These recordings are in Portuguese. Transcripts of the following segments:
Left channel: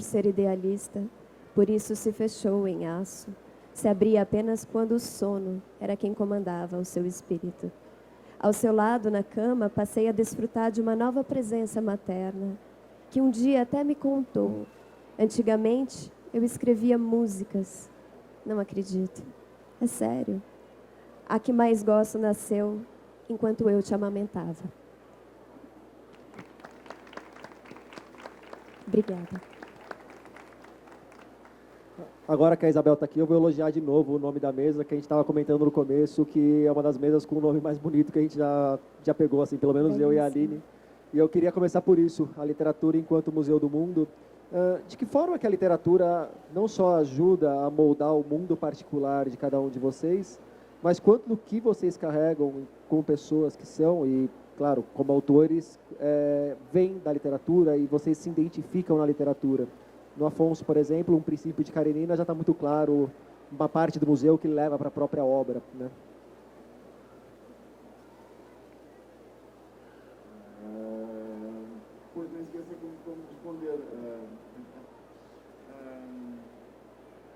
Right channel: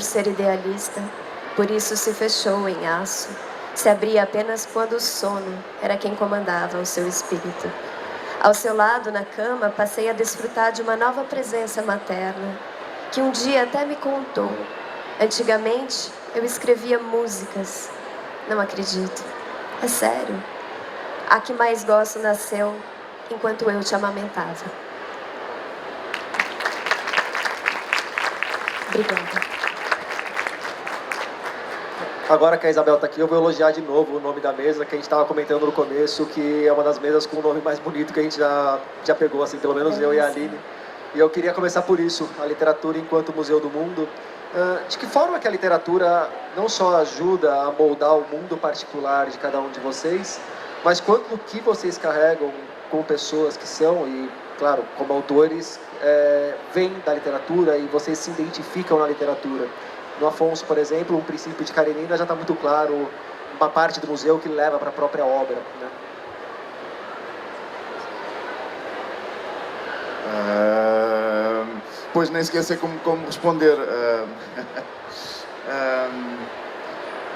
por ser idealista, por isso se fechou em aço. Se abria apenas quando o sono era quem comandava o seu espírito. Ao seu lado, na cama, passei a desfrutar de uma nova presença materna, que um dia até me contou. Antigamente, eu escrevia músicas. Não acredito. É sério. A que mais gosto nasceu enquanto eu te amamentava. Obrigada. Agora que a Isabel está aqui, eu vou elogiar de novo o nome da mesa, que a gente estava comentando no começo, que é uma das mesas com o nome mais bonito que a gente já pegou, assim, pelo menos eu e a Aline. E eu queria começar por isso, a literatura enquanto Museu do Mundo. De que forma que a literatura não só ajuda a moldar o mundo particular de cada um de vocês, mas quanto do que vocês carregam com pessoas que são, e claro, como autores, vêm da literatura e vocês se identificam na literatura. No Afonso, por exemplo, um princípio de Karenina já está muito claro, uma parte do museu que leva para a própria obra, né? Pois nem sequer sei como responder.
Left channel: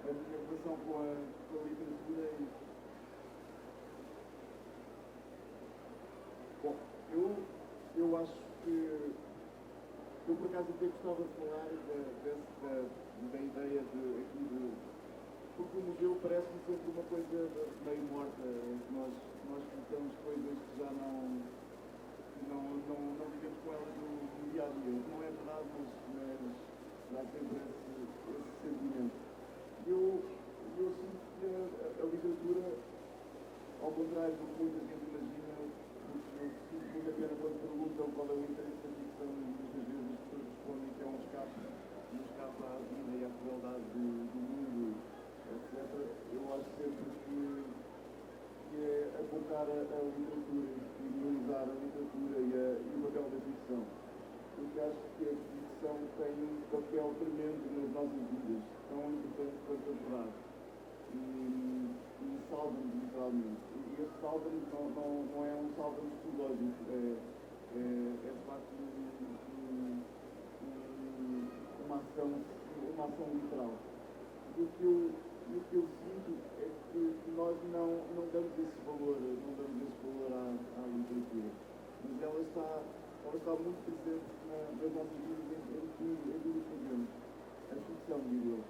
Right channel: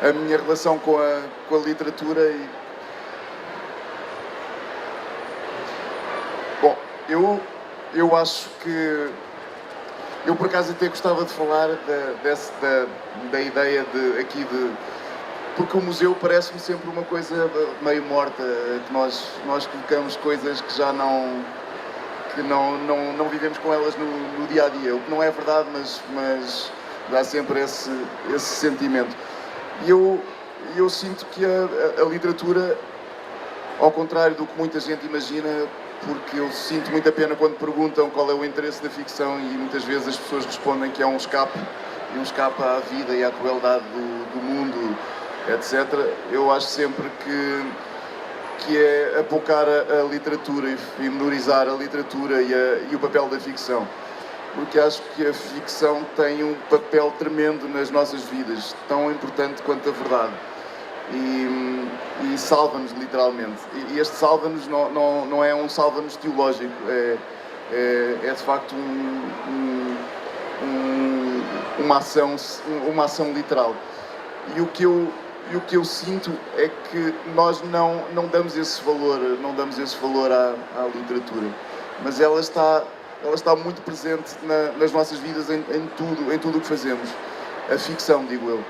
A minha relação com a literatura e... Bom, eu acho que... Eu, por acaso, até gostava de falar da ideia porque o museu parece-me sempre uma coisa meio morta, que nós colocamos coisas que já não vivemos com elas no dia-a-dia, o que não é verdade, mas dá sempre esse sentimento. E eu sinto que a literatura, ao contrário do que muita gente imagina, porque eu sinto muita pena quando perguntam qual é o interesse da ficção e muitas vezes as pessoas respondem que é um escape à vida e à crueldade do mundo, etc. Eu acho sempre que é apocar a literatura e menorizar a literatura e o papel da ficção. Porque acho que a ficção tem um papel tremendo nas nossas vidas, tão importante quanto a verdade. E salva-nos literalmente. E este salva-nos não é um salva-nos teológico, é de facto uma ação literal. E o que eu sinto é que nós não damos esse valor à literatura, mas ela está muito presente nas nossas vidas em tudo o que fazemos. A ficção, digo eu.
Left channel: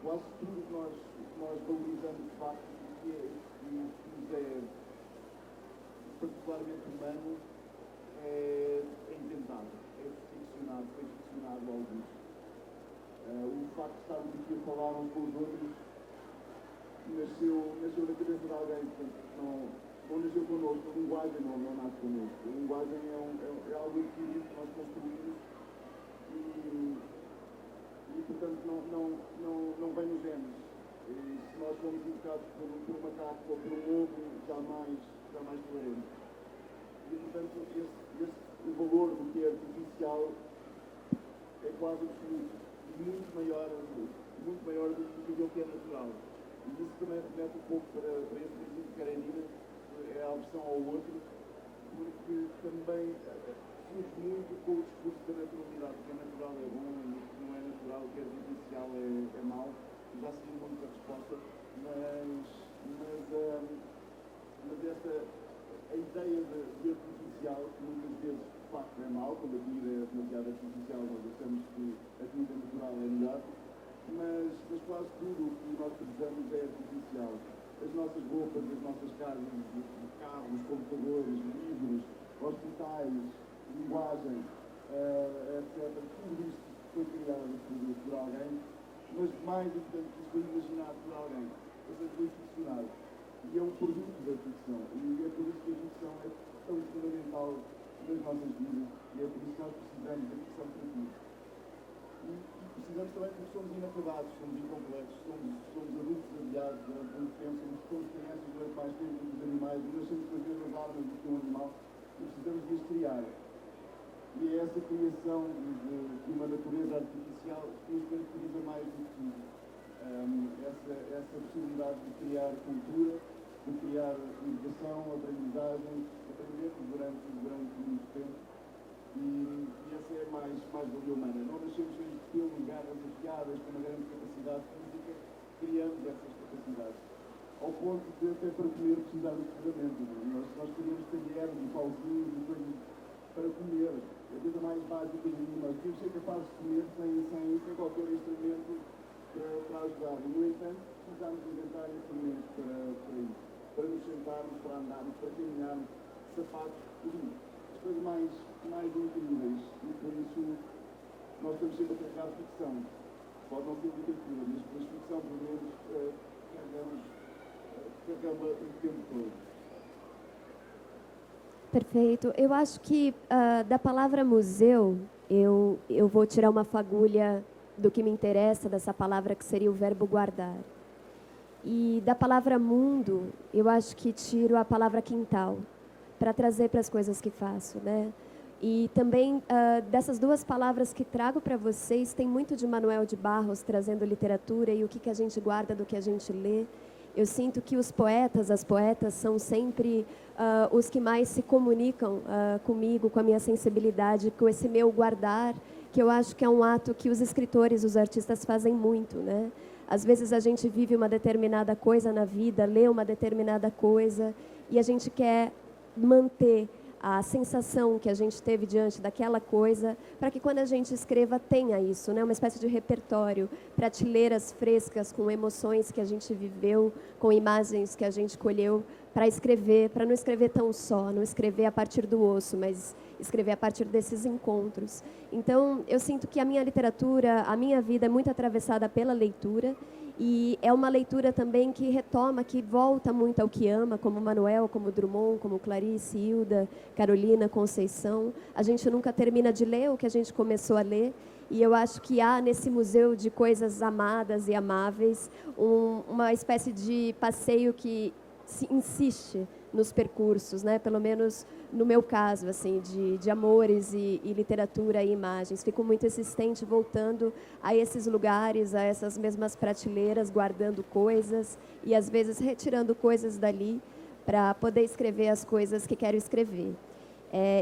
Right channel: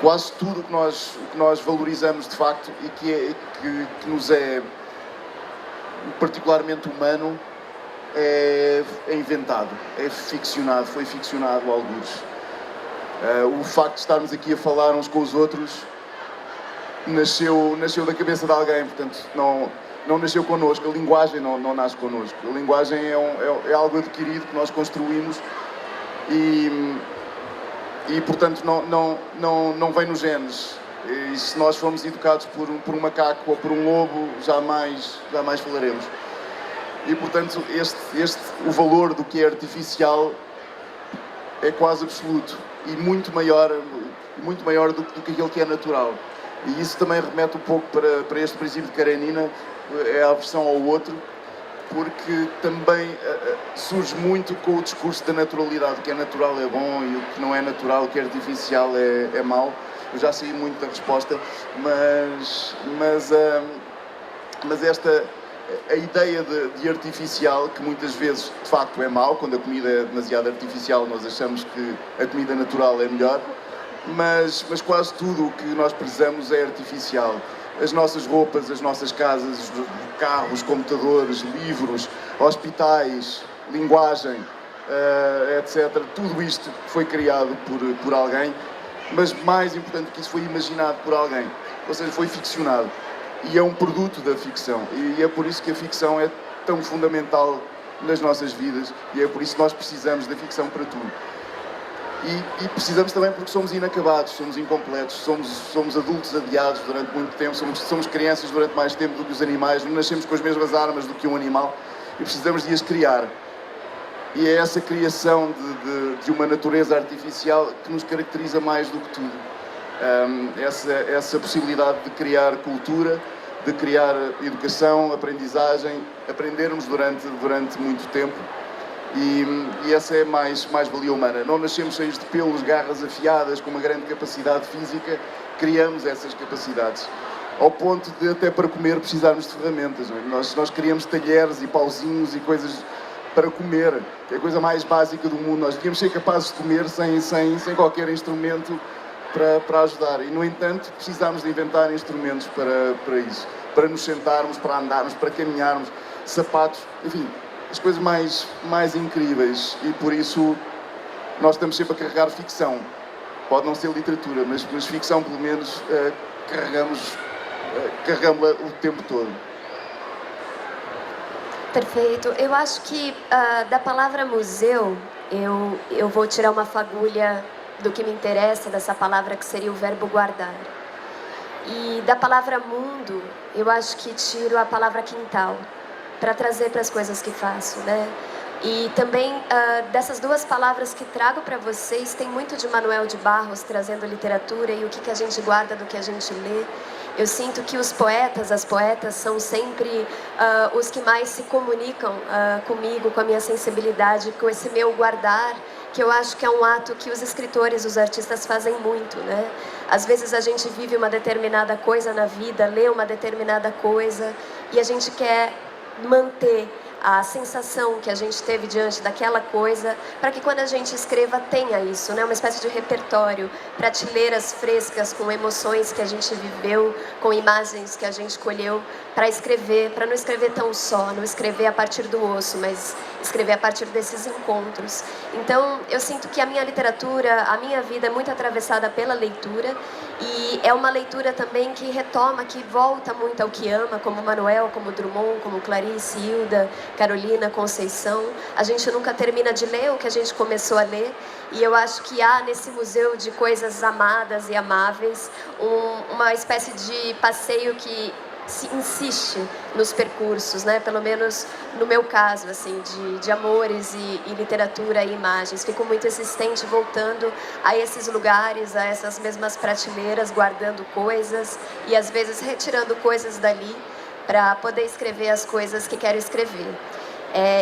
Quase tudo o que nós valorizamos de facto e que nos é particularmente humano é inventado, é ficcionado, foi ficcionado alguns. O facto de estarmos aqui a falar uns com os outros nasceu da cabeça de alguém, portanto não nasceu connosco, a linguagem não nasce connosco. A linguagem é algo adquirido que nós construímos e portanto não vem nos genes. E se nós formos educados por um macaco ou por um lobo, jamais falaremos. E portanto o valor do que é artificial é quase absoluto e muito maior do que aquilo que é natural. E isso também remete um pouco para este princípio de Karenina, é a aversão ao outro, porque também surge muito com o discurso da naturalidade. O que é natural é bom e o que não é natural, o que é artificial é mau. Eu já sei muito da resposta, mas a ideia de artificial, que muitas vezes de facto é mau, quando a comida é demasiado artificial nós achamos que a comida natural é melhor, mas quase tudo o que nós precisamos é artificial. As nossas roupas, as nossas casas, carros, computadores, livros, hospitais, linguagem, etc. Tudo isto foi criado por alguém, mas mais importante que isso, foi imaginado por alguém, ou seja, foi ficcionado. E é um produto da ficção, e é por isso que a ficção é tão fundamental nas nossas vidas, e é por isso que nós precisamos da ficção para tudo. E precisamos também porque somos inacabados, somos incompletos, somos adultos adiados durante muito tempo, somos crianças durante mais tempo do que os animais, não nascemos com as mesmas armas do que um animal, e precisamos de as criar. E é essa criação de uma natureza artificial que nos caracteriza mais do que tudo. Essa possibilidade de criar cultura, de criar educação, aprendizagem, aprendermos durante muito tempo E essa é a mais-valia humana. Não nascemos cheios de pelos, garras afiadas, com uma grande capacidade física, criamos essas capacidades. Ao ponto de, até para comer, precisarmos de ferramentas. Não é? Nós criamos talheres e pauzinhos e coisas para comer, que é a coisa mais básica do mundo. Nós devíamos ser capazes de comer sem qualquer instrumento para ajudar. E, no entanto, precisamos de inventar instrumentos para isso. Para nos sentarmos, para andarmos, para caminharmos, sapatos, enfim, as coisas mais incríveis. E por isso nós estamos sempre a carregar ficção. Pode não ser literatura, mas ficção, pelo menos, carregamos-la o tempo todo. Perfeito. Eu acho que da palavra museu, eu vou tirar uma fagulha do que me interessa dessa palavra, que seria o verbo guardar. E da palavra mundo, eu acho que tiro a palavra quintal, para trazer para as coisas que faço, né? E também dessas duas palavras que trago para vocês, tem muito de Manuel de Barros trazendo literatura e o que a gente guarda do que a gente lê. Eu sinto que os poetas, as poetas, são sempre os que mais se comunicam comigo, com a minha sensibilidade, com esse meu guardar, que eu acho que é um ato que os escritores, os artistas fazem muito, né? Às vezes a gente vive uma determinada coisa na vida, lê uma determinada coisa, e a gente quer manter a sensação que a gente teve diante daquela coisa, para que quando a gente escreva tenha isso, né? Uma espécie de repertório, prateleiras frescas com emoções que a gente viveu, com imagens que a gente colheu, para escrever, para não escrever tão só, não escrever a partir do osso, mas escrever a partir desses encontros. Então, eu sinto que a minha literatura, a minha vida é muito atravessada pela leitura, e é uma leitura também que retoma, que volta muito ao que ama, como Manuel, como Drummond, como Clarice, Hilda, Carolina, Conceição. A gente nunca termina de ler o que a gente começou a ler, e eu acho que há nesse museu de coisas amadas e amáveis uma espécie de passeio que se insiste nos percursos, né? Pelo menos no meu caso, assim, de amores e literatura e imagens. Fico muito insistente voltando a esses lugares, a essas mesmas prateleiras, guardando coisas e às vezes retirando coisas dali para poder escrever as coisas que quero escrever.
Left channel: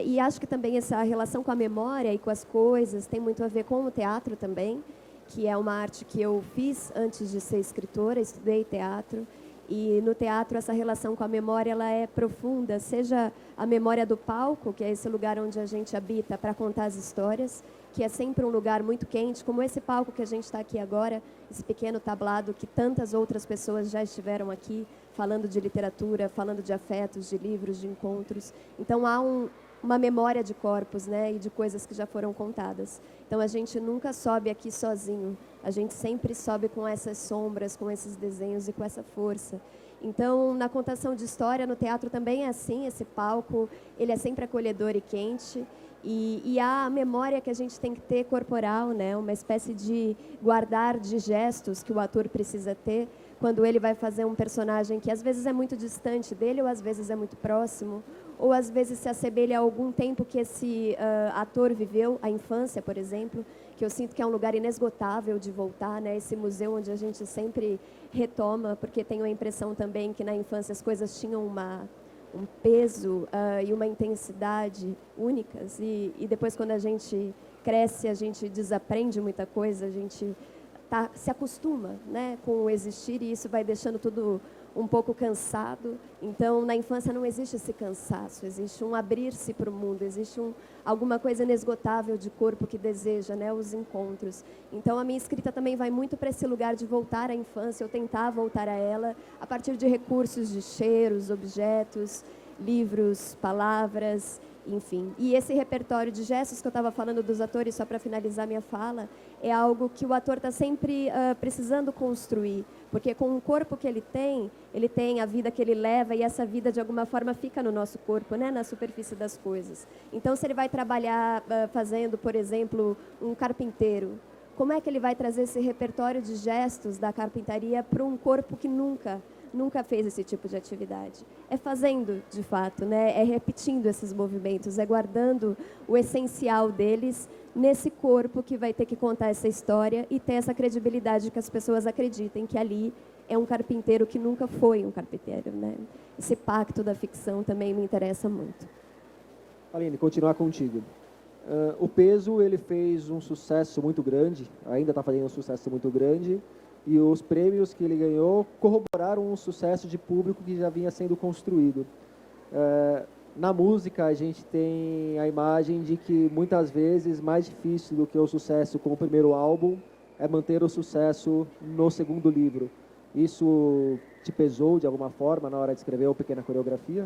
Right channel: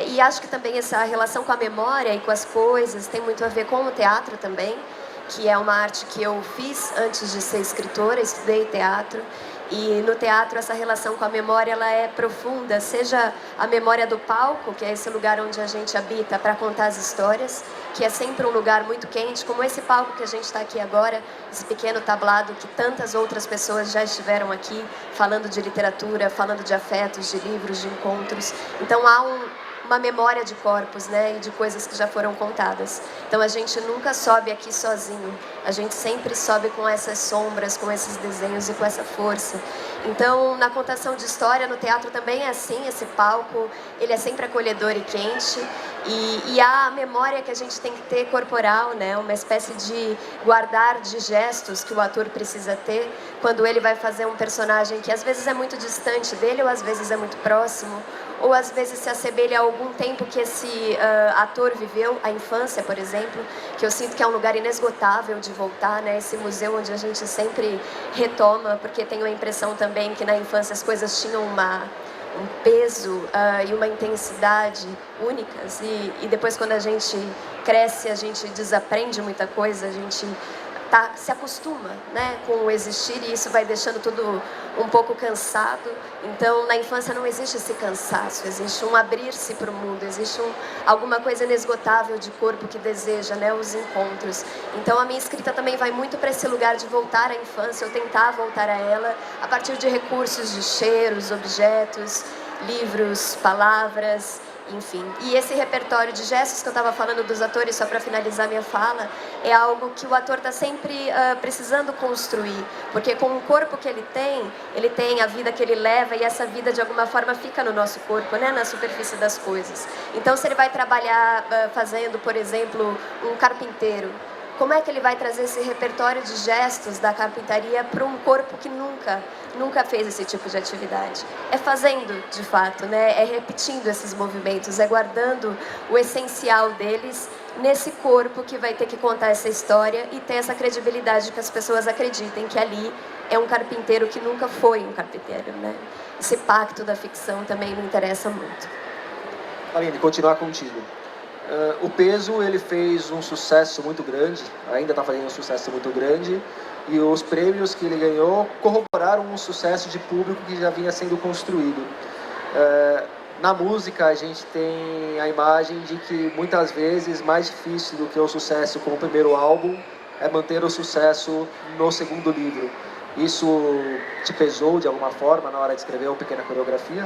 E acho que também essa relação com a memória e com as coisas tem muito a ver com o teatro também, que é uma arte que eu fiz antes de ser escritora, estudei teatro. E no teatro essa relação com a memória ela é profunda, seja a memória do palco, que é esse lugar onde a gente habita para contar as histórias, que é sempre um lugar muito quente, como esse palco que a gente está aqui agora, esse pequeno tablado que tantas outras pessoas já estiveram aqui, falando de literatura, falando de afetos, de livros, de encontros. Então há uma memória de corpos, né, e de coisas que já foram contadas. Então a gente nunca sobe aqui sozinho, a gente sempre sobe com essas sombras, com esses desenhos e com essa força. Então na contação de história, no teatro também é assim, esse palco, ele é sempre acolhedor e quente, e há a memória que a gente tem que ter corporal, né, uma espécie de guardar de gestos que o ator precisa ter quando ele vai fazer um personagem que às vezes é muito distante dele ou às vezes é muito próximo, ou às vezes se assemelha a algum tempo que esse ator viveu, a infância, por exemplo, que eu sinto que é um lugar inesgotável de voltar, né? Esse museu onde a gente sempre retoma, porque tenho a impressão também que na infância as coisas tinham um peso e uma intensidade únicas, e depois quando a gente cresce, a gente desaprende muita coisa, a gente se acostuma, né, com o existir, e isso vai deixando tudo um pouco cansado. Então, na infância não existe esse cansaço, existe um abrir-se para o mundo, existe alguma coisa inesgotável de corpo que deseja, né, os encontros. Então, a minha escrita também vai muito para esse lugar de voltar à infância, ou tentar voltar a ela, a partir de recursos de cheiros, objetos, livros, palavras, enfim. E esse repertório de gestos que eu estava falando dos atores, só para finalizar minha fala, é algo que o ator está sempre precisando construir, porque com o corpo que ele tem a vida que ele leva, e essa vida de alguma forma fica no nosso corpo, né, na superfície das coisas. Então, se ele vai trabalhar fazendo, por exemplo, um carpinteiro, como é que ele vai trazer esse repertório de gestos da carpintaria para um corpo que nunca fez esse tipo de atividade? É fazendo, de fato, né? É repetindo esses movimentos, é guardando o essencial deles nesse corpo que vai ter que contar essa história e ter essa credibilidade que as pessoas acreditem que ali é um carpinteiro que nunca foi um carpinteiro, né? Esse pacto da ficção também me interessa muito. Aline, continuar contigo. O Peso, ele fez um sucesso muito grande, ainda está fazendo um sucesso muito grande, e os prêmios que ele ganhou corroboraram um sucesso de público que já vinha sendo construído. Na música, a gente tem a imagem de que muitas vezes mais difícil do que o sucesso com o primeiro álbum é manter o sucesso no segundo livro. Isso te pesou de alguma forma na hora de escrever o Pequena Coreografia?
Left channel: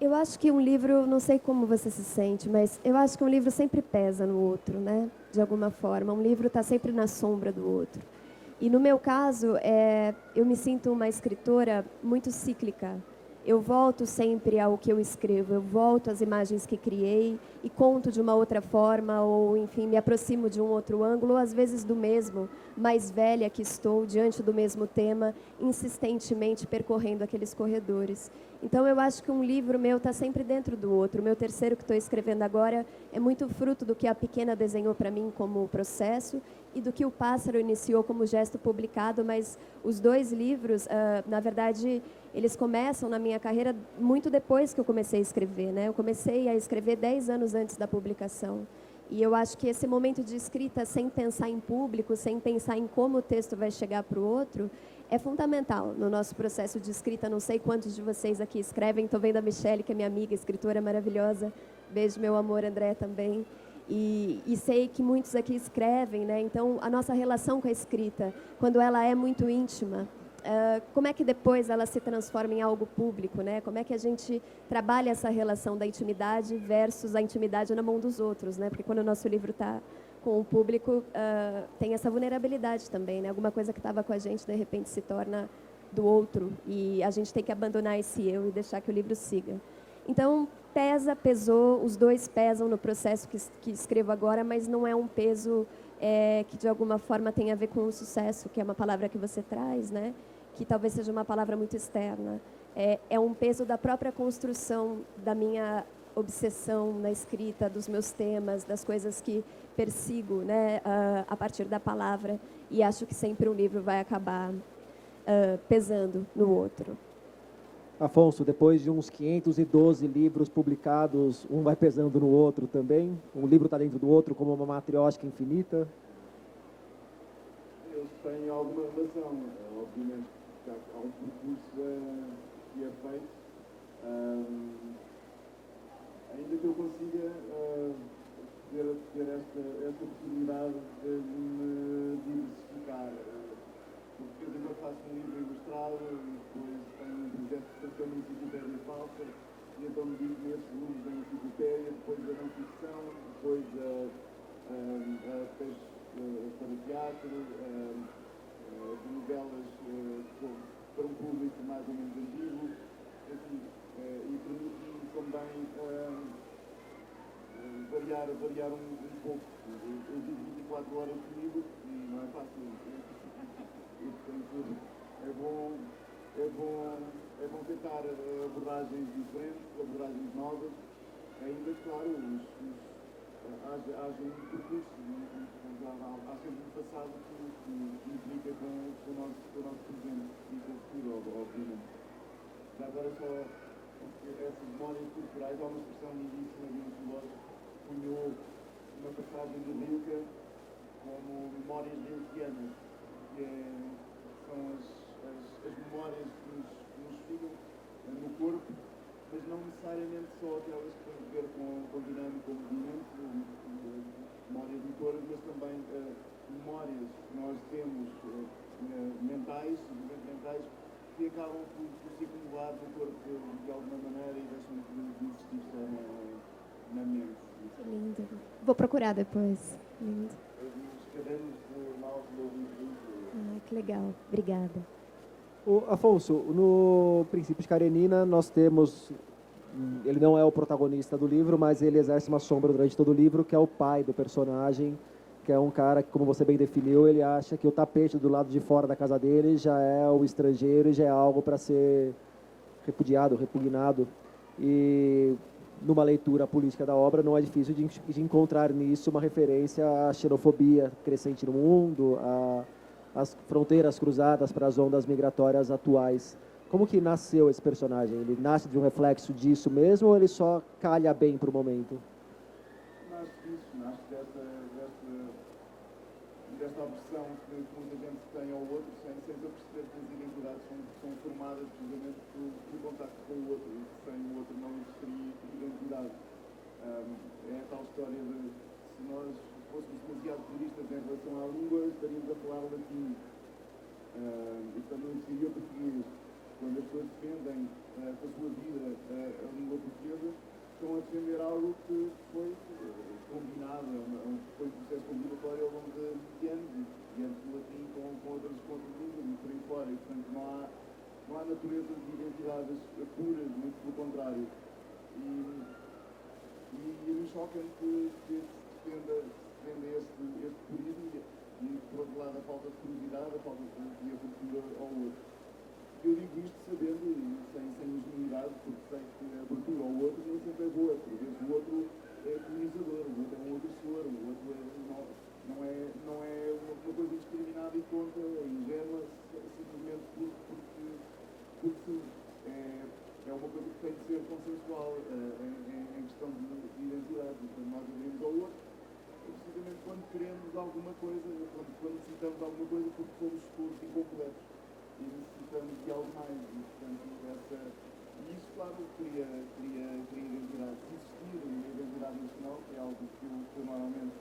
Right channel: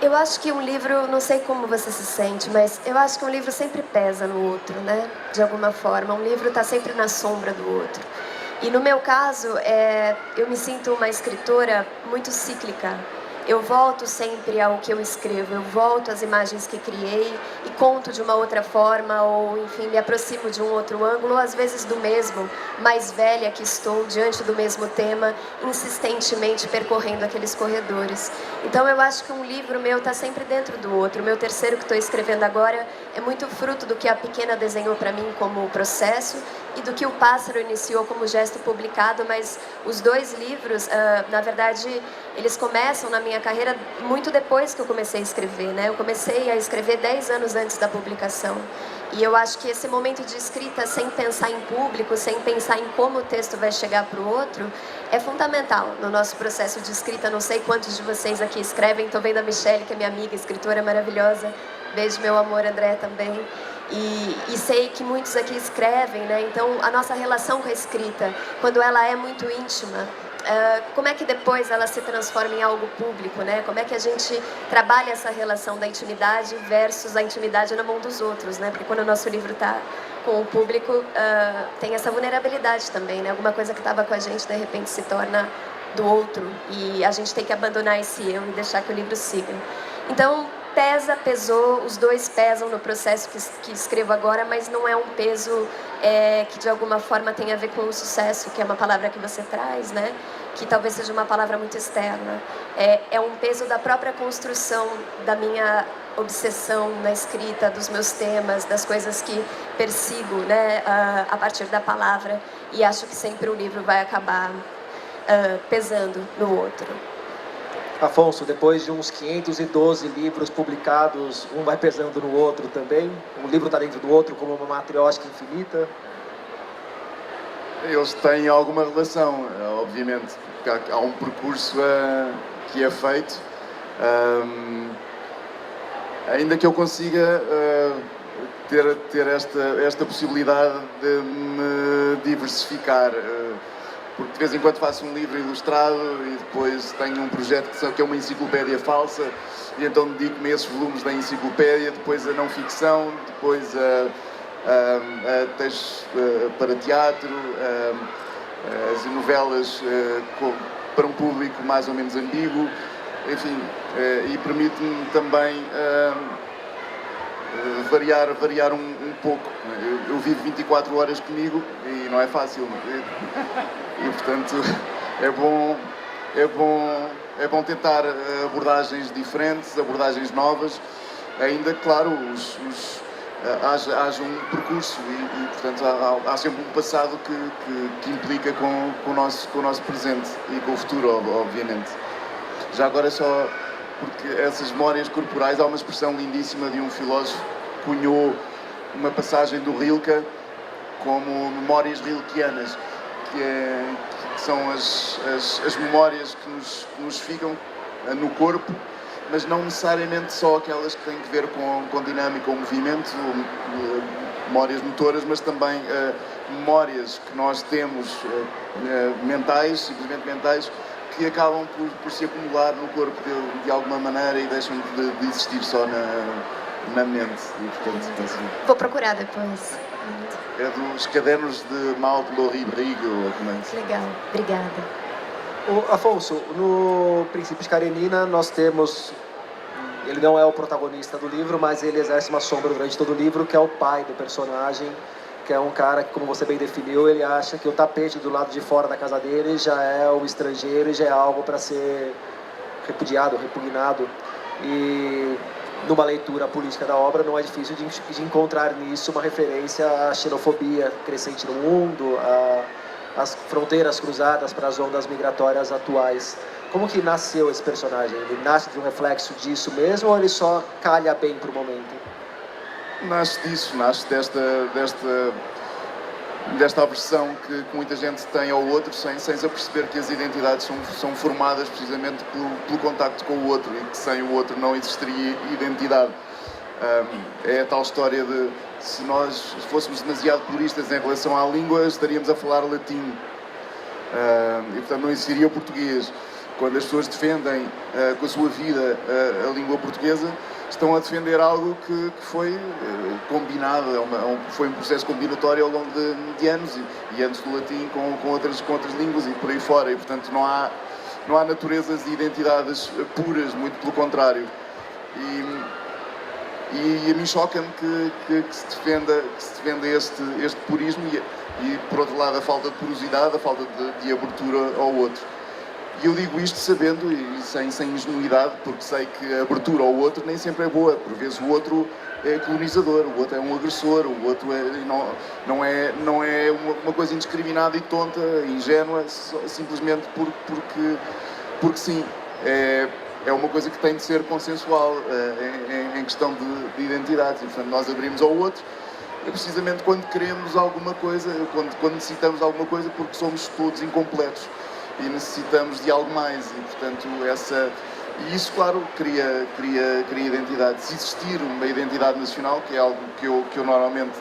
Eu acho que um livro, não sei como você se sente, mas eu acho que um livro sempre pesa no outro, né? De alguma forma. Um livro está sempre na sombra do outro. E no meu caso, eu me sinto uma escritora muito cíclica. Eu volto sempre ao que eu escrevo, eu volto às imagens que criei e conto de uma outra forma, ou enfim, me aproximo de um outro ângulo, ou às vezes do mesmo, mais velha que estou, diante do mesmo tema, insistentemente percorrendo aqueles corredores. Então eu acho que um livro meu está sempre dentro do outro. O meu terceiro que estou escrevendo agora é muito fruto do que a Pequena desenhou para mim como processo e do que o Pássaro iniciou como gesto publicado, mas os dois livros, na verdade, eles começam na minha carreira muito depois que eu comecei a escrever, né? Eu comecei a escrever 10 anos antes da publicação. E eu acho que esse momento de escrita, sem pensar em público, sem pensar em como o texto vai chegar para o outro, é fundamental no nosso processo de escrita. Não sei quantos de vocês aqui escrevem, estou vendo a Michelle, que é minha amiga, escritora maravilhosa. Beijo, meu amor, André, também. E sei que muitos aqui escrevem, né? Então, a nossa relação com a escrita, quando ela é muito íntima, como é que depois ela se transforma em algo público, né? Como é que a gente trabalha essa relação da intimidade versus a intimidade na mão dos outros, né? Porque quando o nosso livro está com o público, tem essa vulnerabilidade também, né? Alguma coisa que estava com a gente, de repente, se torna do outro. E a gente tem que abandonar esse eu e deixar que o livro siga. Então, pesou, os dois pesam no processo que escrevo agora, mas não é um peso que de alguma forma tem a ver com o sucesso, que é uma palavra que você traz, né? Que talvez seja uma palavra muito externa. É um peso da própria construção da minha obsessão na escrita, dos meus temas, das coisas que persigo, né? A partir da palavra, e acho que sempre um livro vai acabar pesando no outro. Afonso, depois de uns 512 livros publicados, um vai pesando no outro também? Um livro está dentro do outro como uma matriótica infinita? Eles têm alguma relação, obviamente. Há um percurso que é feito. Ainda que eu consiga ter esta possibilidade de me diversificar. Porque de vez em quando faço um livro ilustrado e depois tenho um projeto que é uma enciclopédia falsa, e então dedico-me a esses volumes da enciclopédia, depois a não ficção, depois a textos para teatro, as novelas para um público mais ou menos ambíguo, enfim, e permite-me também variar um pouco. Eu vivo 24 horas comigo e não é fácil. E portanto é bom tentar abordagens diferentes, abordagens novas, ainda que, claro, haja um percurso e portanto há sempre um passado que implica com o nosso presente e com o futuro, obviamente. Já agora só porque essas memórias corporais, há uma expressão lindíssima de um filósofo que cunhou uma passagem do Rilke como memórias rilkeanas, que são as memórias que nos ficam no corpo, mas não necessariamente só aquelas que têm que ver com dinâmica ou movimento, memórias motoras, mas também memórias que nós temos mentais, simplesmente mentais, que acabam por se acumular no corpo de alguma maneira e deixam de existir só na mente. E, portanto, assim, Vou procurar depois. é dos cadernos de Malte Lori Brigo. Legal, obrigada. Afonso, no Princípios de Karenina nós temos, ele não é o protagonista do livro, mas ele exerce uma sombra durante todo o livro, que é o pai do personagem, que é um cara que, como você bem definiu, ele acha que o tapete do lado de fora da casa dele já é o estrangeiro e já é algo para ser repudiado, repugnado. E numa leitura política da obra não é difícil de encontrar nisso uma referência à xenofobia crescente no mundo, às fronteiras cruzadas para as ondas migratórias atuais. Como que nasceu esse personagem? Ele nasce de um reflexo disso mesmo ou ele só calha bem para o momento? nasce disso, nasce desta aversão que muita gente tem ao outro, sem se aperceber que as identidades são formadas precisamente pelo contacto com o outro, e que sem o outro não existiria identidade. É a tal história de, se nós fôssemos demasiado puristas em relação à língua, estaríamos a falar latim, e portanto não existiria o português. Quando as pessoas defendem com a sua vida a língua portuguesa, estão a defender algo que foi combinado, foi um processo combinatório ao longo de anos, e antes do latim com outras línguas e por aí fora, e portanto não há naturezas e identidades puras, muito pelo contrário. E a mim choca-me que se defenda este purismo e, por outro lado, a falta de porosidade, a falta de abertura ao outro. E eu digo isto sabendo e sem ingenuidade, porque sei que a abertura ao outro nem sempre é boa. Por vezes o outro é colonizador, o outro é um agressor, o outro não é uma coisa indiscriminada e tonta, ingênua, simplesmente porque sim. É uma coisa que tem de ser consensual em questão de identidades. E, portanto, nós abrimos ao outro precisamente quando queremos alguma coisa, quando necessitamos de alguma coisa, porque somos todos incompletos e necessitamos de algo mais. E, portanto, e isso, claro, cria identidade. Se existir uma identidade nacional, que é algo que eu normalmente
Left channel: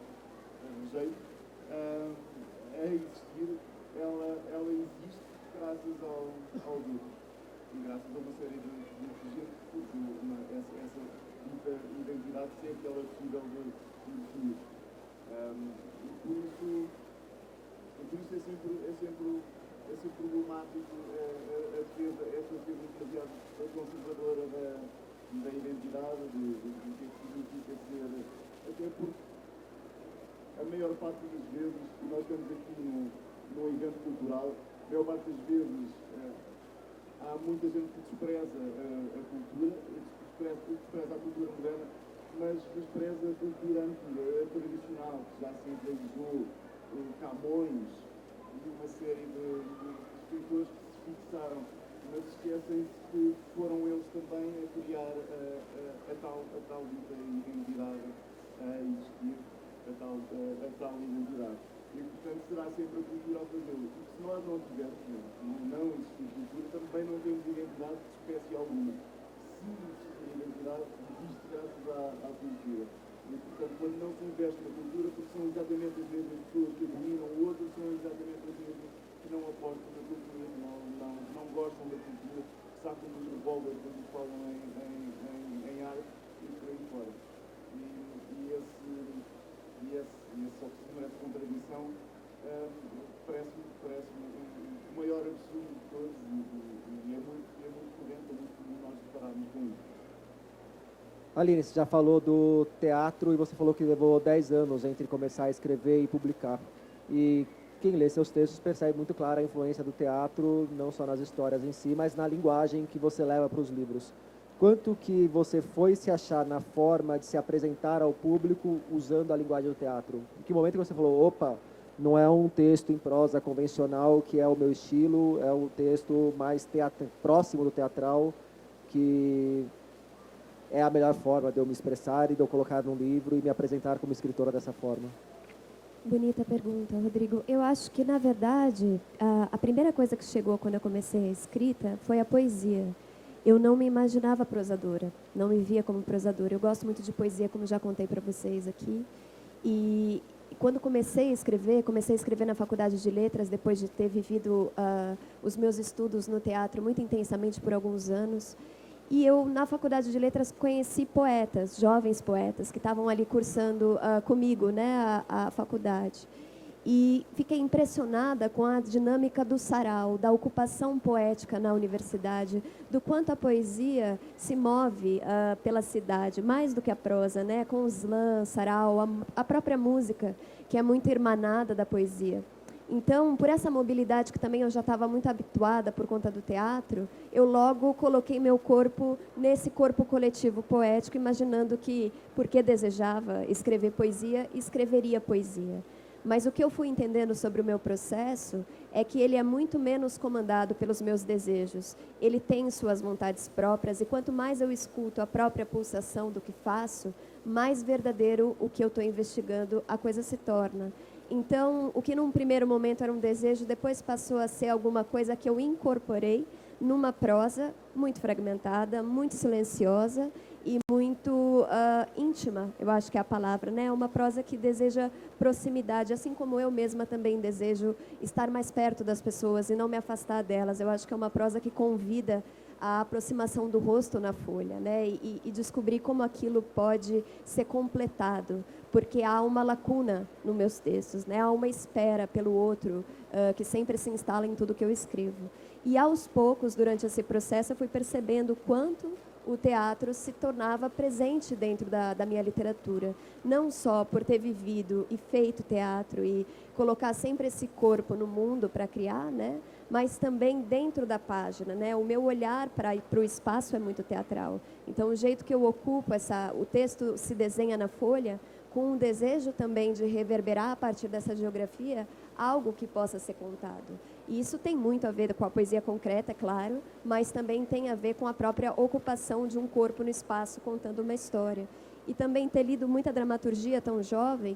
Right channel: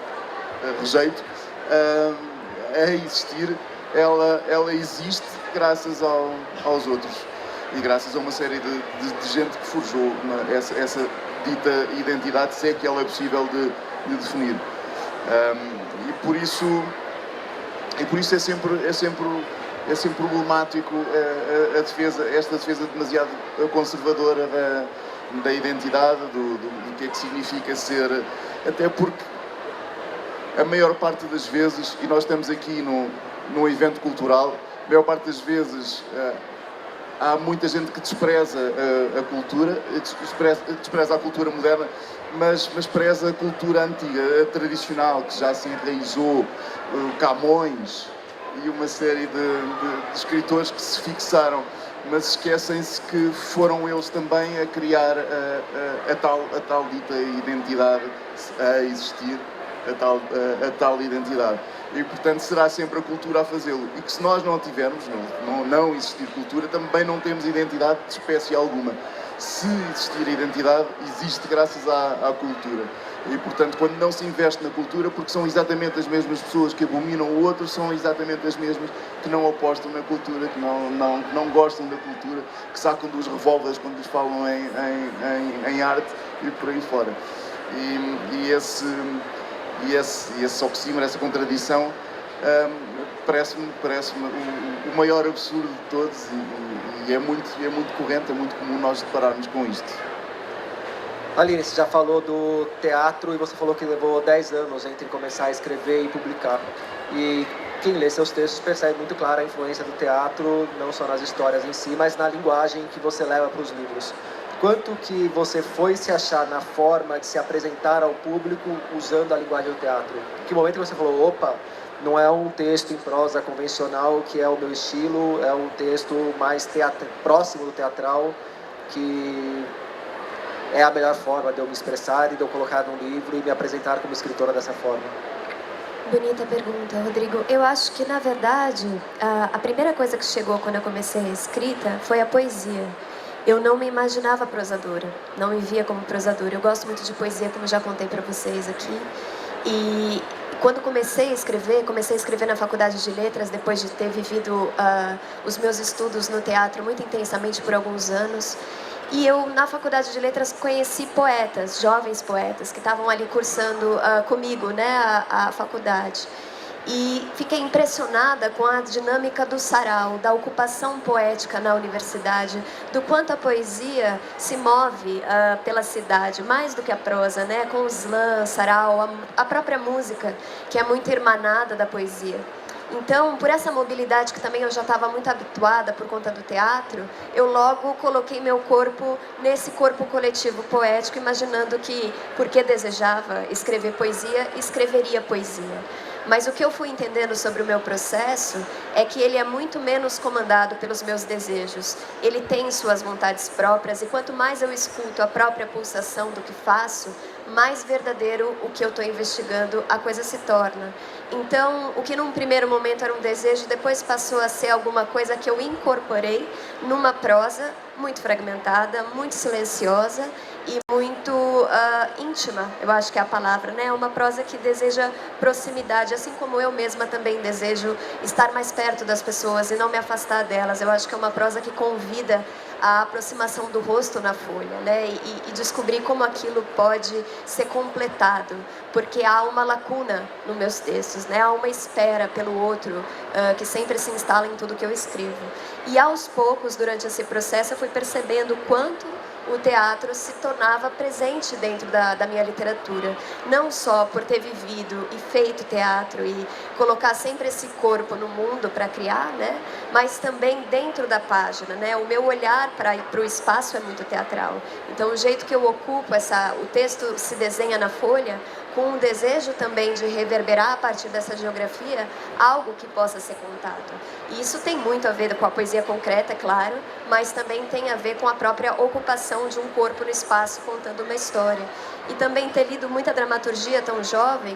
rejeito, a existir, ela existe graças aos outros. E graças a uma série de gente que forjou essa dita identidade, se é que ela é possível de definir. E por isso é sempre problemático esta defesa demasiado conservadora da identidade, do que é que significa ser, até porque a maior parte das vezes, e nós estamos aqui num evento cultural, a maior parte das vezes há muita gente que despreza a cultura, despreza a cultura moderna, mas preza a cultura antiga, a tradicional, que já se enraizou, Camões e uma série de escritores que se fixaram, mas esquecem-se que foram eles também a criar a tal dita identidade, a existir a tal identidade. E, portanto, será sempre a cultura a fazê-lo. E que se nós não tivermos, não existir cultura, também não temos identidade de espécie alguma. Se existir identidade, existe graças à cultura. E, portanto, quando não se investe na cultura, porque são exatamente as mesmas pessoas que abominam o outro, são exatamente as mesmas que não apostam na cultura, que não gostam da cultura, que sacam dos revólveres quando lhes falam em arte e por aí fora. E esse oxímoro, essa contradição, parece-me o maior absurdo de todos, e é muito corrente, é muito comum nós depararmos com isto. Aline, você já falou do teatro e você falou que levou 10 anos entre começar a escrever e publicar. E quem lê seus textos percebe muito clara a influência do teatro, não só nas histórias em si, mas na linguagem que você leva para os livros. Quanto que você foi se achar na forma de se apresentar ao público usando a linguagem do teatro? Que momento que você falou, opa, não é um texto em prosa convencional que é o meu estilo, é um texto mais próximo do teatral, que é a melhor forma de eu me expressar e de eu colocar num livro e me apresentar como escritora dessa forma? Bonita pergunta, Rodrigo. Eu acho que, na verdade, a primeira coisa que chegou quando eu comecei a escrita foi a poesia. Eu não me imaginava prosadora, não me via como prosadora. Eu gosto muito de poesia, como já contei para vocês aqui. E quando comecei a escrever na Faculdade de Letras, depois de ter vivido os meus estudos no teatro muito intensamente por alguns anos. E eu, na Faculdade de Letras, conheci poetas, jovens poetas, que estavam ali cursando comigo, né, a faculdade. E fiquei impressionada com a dinâmica do sarau, da ocupação poética na universidade, do quanto a poesia se move pela cidade, mais do que a prosa, né? Com o slam, sarau, a própria música, que é muito irmanada da poesia. Então, por essa mobilidade que também eu já estava muito habituada por conta do teatro, eu logo coloquei meu corpo nesse corpo coletivo poético, imaginando que, porque desejava escrever poesia, escreveria poesia. Mas o que eu fui entendendo sobre o meu processo é que ele é muito menos comandado pelos meus desejos. Ele tem suas vontades próprias, e quanto mais eu escuto a própria pulsação do que faço, mais verdadeiro o que eu estou investigando a coisa se torna. Então, o que num primeiro momento era um desejo, depois passou a ser alguma coisa que eu incorporei numa prosa muito fragmentada, muito silenciosa e muito íntima, eu acho que é a palavra, né? Uma prosa que deseja proximidade, assim como eu mesma também desejo estar mais perto das pessoas e não me afastar delas. Eu acho que é uma prosa que convida a aproximação do rosto na folha, né? E descobrir como aquilo pode ser completado, porque há uma lacuna nos meus textos, né? Há uma espera pelo outro que sempre se instala em tudo que eu escrevo. E aos poucos, durante esse processo, eu fui percebendo o quanto o teatro se tornava presente dentro da minha literatura, não só por ter vivido e feito teatro e colocar sempre esse corpo no mundo para criar, né? Mas também dentro da página, né? O meu olhar para o espaço é muito teatral. Então, o jeito que eu ocupo o texto se desenha na folha, com um desejo também de reverberar a partir dessa geografia algo que possa ser contado. E isso tem muito a ver com a poesia concreta, é claro, mas também tem a ver com a própria ocupação de um corpo no espaço contando uma história. E também ter lido muita dramaturgia tão jovem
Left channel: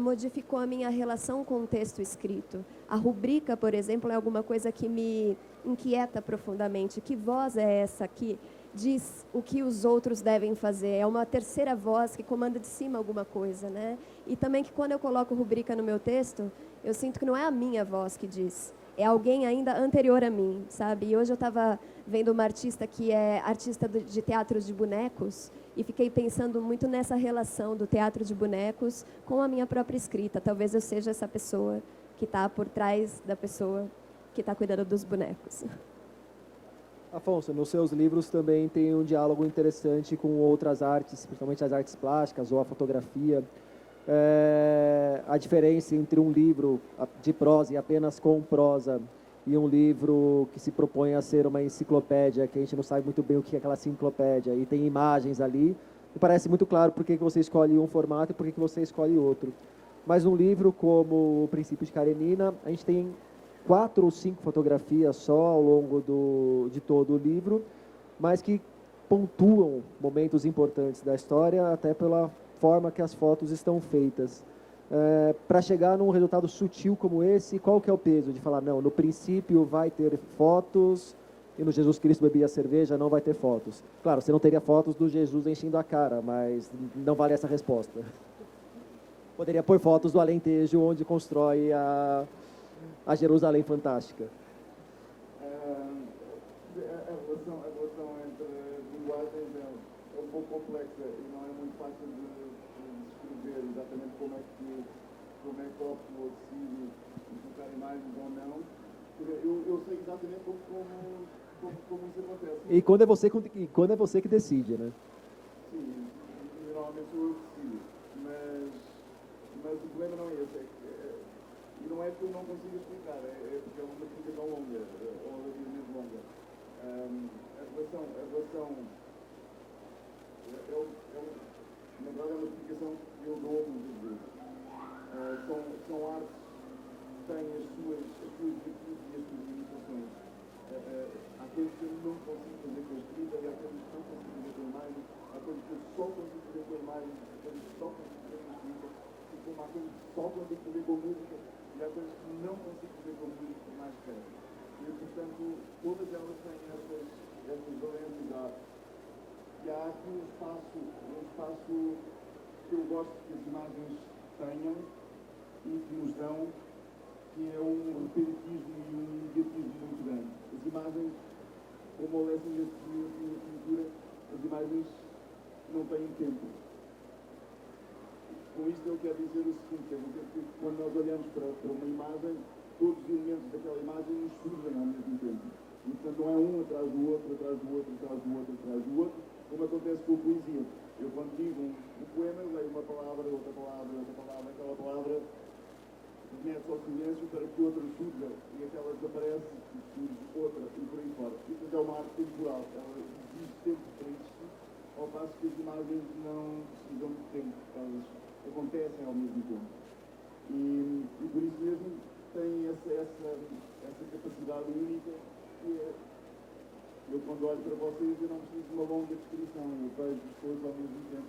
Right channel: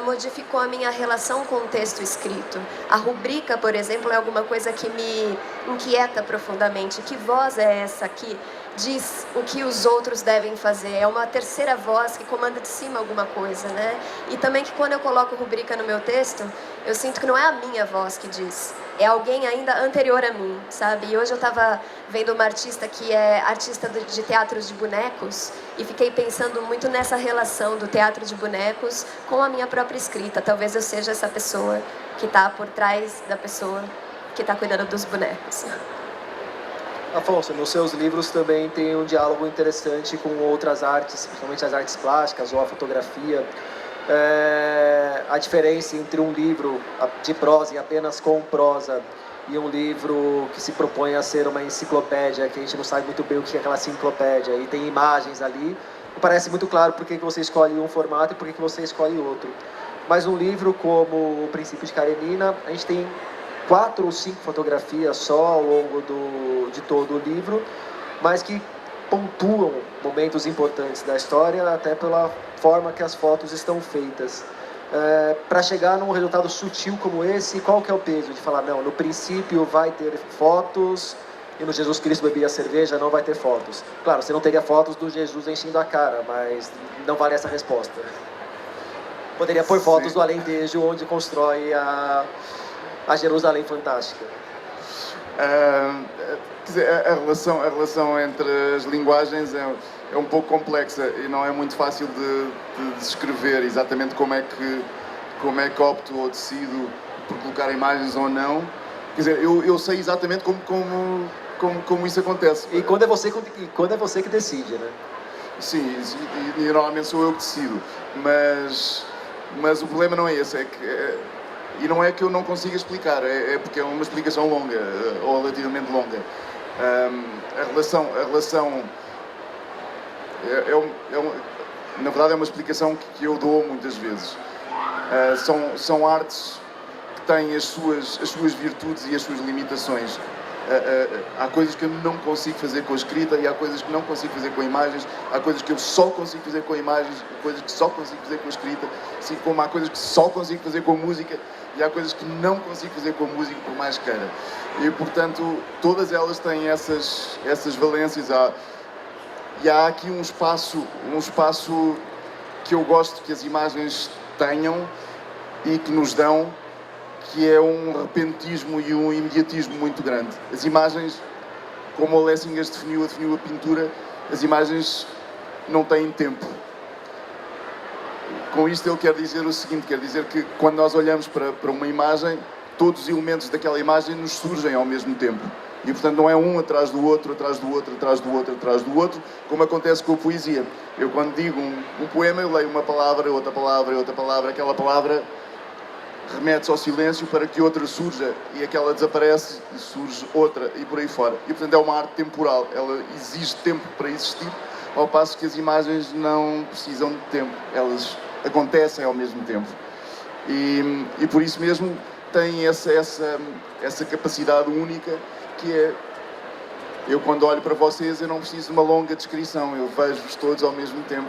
modificou a minha relação com o texto escrito. A rubrica, por exemplo, é alguma coisa que me inquieta profundamente. Que voz é essa que diz o que os outros devem fazer? É uma terceira voz que comanda de cima alguma coisa, né? E também que quando eu coloco rubrica no meu texto, eu sinto que não é a minha voz que diz, é alguém ainda anterior a mim, sabe? E hoje eu estava vendo uma artista que é artista de teatros de bonecos e fiquei pensando muito nessa relação do teatro de bonecos com a minha própria escrita. Talvez eu seja essa pessoa que está por trás da pessoa que está cuidando dos bonecos. Afonso, nos seus livros também tem um diálogo interessante com outras artes, principalmente as artes plásticas ou a fotografia. A diferença entre um livro de prosa e apenas com prosa e um livro que se propõe a ser uma enciclopédia, que a gente não sabe muito bem o que é aquela enciclopédia, e tem imagens ali, parece muito claro por que você escolhe um formato e por que você escolhe outro. Mas um livro como O Princípio de Karenina, a gente tem 4 ou 5 fotografias só ao longo de todo o livro, mas que pontuam momentos importantes da história, até pela forma que as fotos estão feitas. Para chegar num resultado sutil como esse, qual que é o peso de falar, não, no princípio vai ter fotos, e no Jesus Cristo bebia cerveja não vai ter fotos? Claro, você não teria fotos do Jesus enchendo a cara, mas não vale essa resposta. Poderia pôr fotos do Alentejo, onde constrói a Jerusalém Fantástica. Quer dizer, a relação entre as linguagens é um pouco complexa e não é muito fácil de descrever exatamente como é que opto ou decido por colocar imagens ou não. Quer dizer, eu sei exatamente como isso acontece. E quando é você que decide, né? Sim, e normalmente sou eu que decido, mas o problema não é esse, e não é que eu não consiga explicar, é porque é uma explicação longa, ou relativamente longa. A relação na verdade é uma explicação que eu dou muitas vezes. São artes que têm as suas virtudes e as suas limitações. Há coisas que eu não consigo fazer com a escrita e há coisas que não consigo fazer com imagens, há coisas que eu só consigo fazer com imagens, coisas que só consigo fazer com a escrita, assim como há coisas que só consigo fazer com música e há coisas que não consigo fazer com música, por mais que queira. E, portanto, todas elas têm essas valências. E há aqui um espaço que eu gosto que as imagens tenham e que nos dão, que é um repentismo e um imediatismo muito grande. As imagens, como o Lessing definiu a pintura, as imagens não têm tempo. Com isto ele quer dizer o seguinte, quer dizer que quando nós olhamos para uma imagem, todos os elementos daquela imagem nos surgem ao mesmo tempo. E, portanto, não é um atrás do outro, atrás do outro, atrás do outro, atrás do outro, como acontece com a poesia. Eu, quando digo um poema, eu leio uma palavra, outra palavra, outra palavra, aquela palavra remete-se ao silêncio para que outra surja e aquela desaparece e surge outra e por aí fora. E, portanto, é uma arte temporal, ela exige tempo para existir, ao passo que as imagens não precisam de tempo, elas acontecem ao mesmo tempo. E por isso mesmo tem essa capacidade única que é, eu quando olho para vocês eu não preciso de uma longa descrição, eu vejo-vos todos ao mesmo tempo,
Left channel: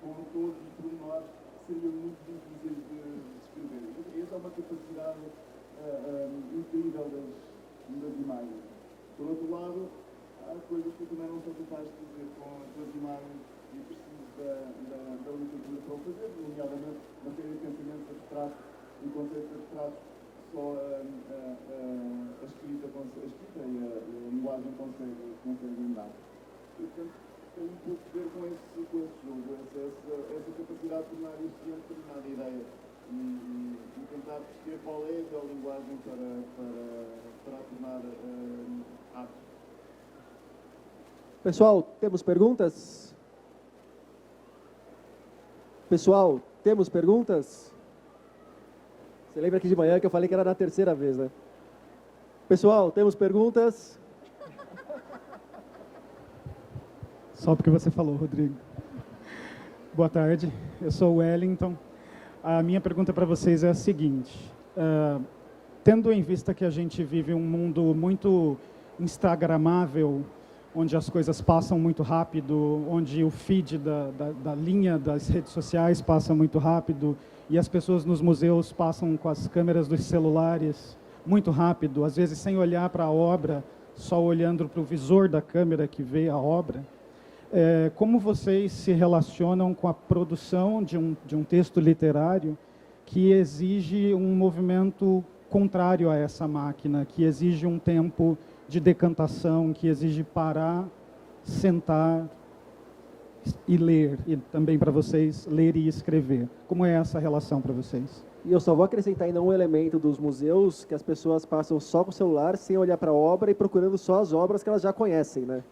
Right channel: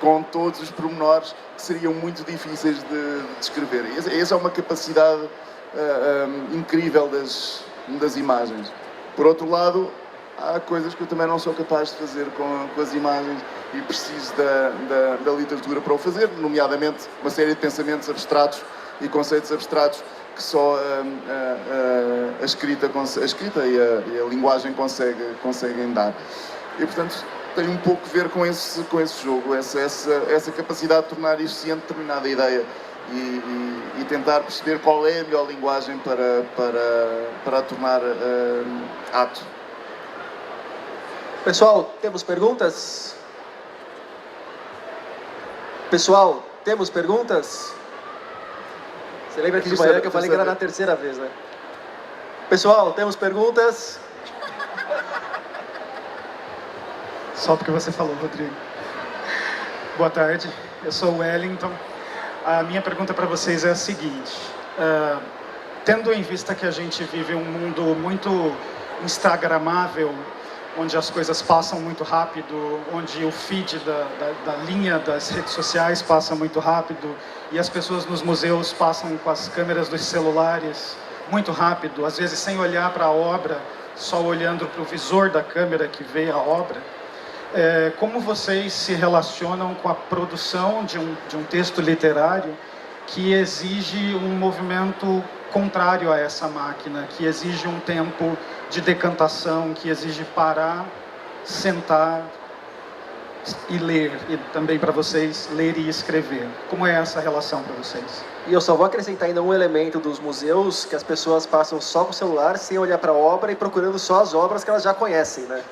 com todos os pormenores que seriam muito difíceis de descrever. Essa é uma capacidade incrível das imagens. Por outro lado, há coisas que eu também não sou capaz de fazer com as imagens e preciso da literatura para o fazer, nomeadamente uma série de pensamentos abstratos e conceitos abstratos que só a escrita e a linguagem conseguem dar. E, portanto, tem um pouco a ver com esse jogo, essa capacidade de tornar eficiente determinada ideia e tentar perceber qual é a melhor linguagem para a tornar ato. Pessoal, temos perguntas? Pessoal, temos perguntas? Você lembra aqui de manhã que eu falei que era na terceira vez, né? Pessoal, temos perguntas? Só porque você falou, Rodrigo. Boa tarde, eu sou o Wellington. A minha pergunta para vocês é a seguinte. Tendo em vista que a gente vive um mundo muito instagramável, onde as coisas passam muito rápido, onde o feed da linha das redes sociais passa muito rápido e as pessoas nos museus passam com as câmeras dos celulares muito rápido, às vezes sem olhar para a obra, só olhando para o visor da câmera que vê a obra. Como vocês se relacionam com a produção de um texto literário que exige um movimento contrário a essa máquina, que exige um tempo de decantação, que exige parar, sentar e ler, e também para vocês ler e escrever. Como é essa relação para vocês? E eu só vou acrescentar ainda um elemento dos museus, que as pessoas passam só com o celular, sem olhar para a obra e procurando só as obras que elas já conhecem, né?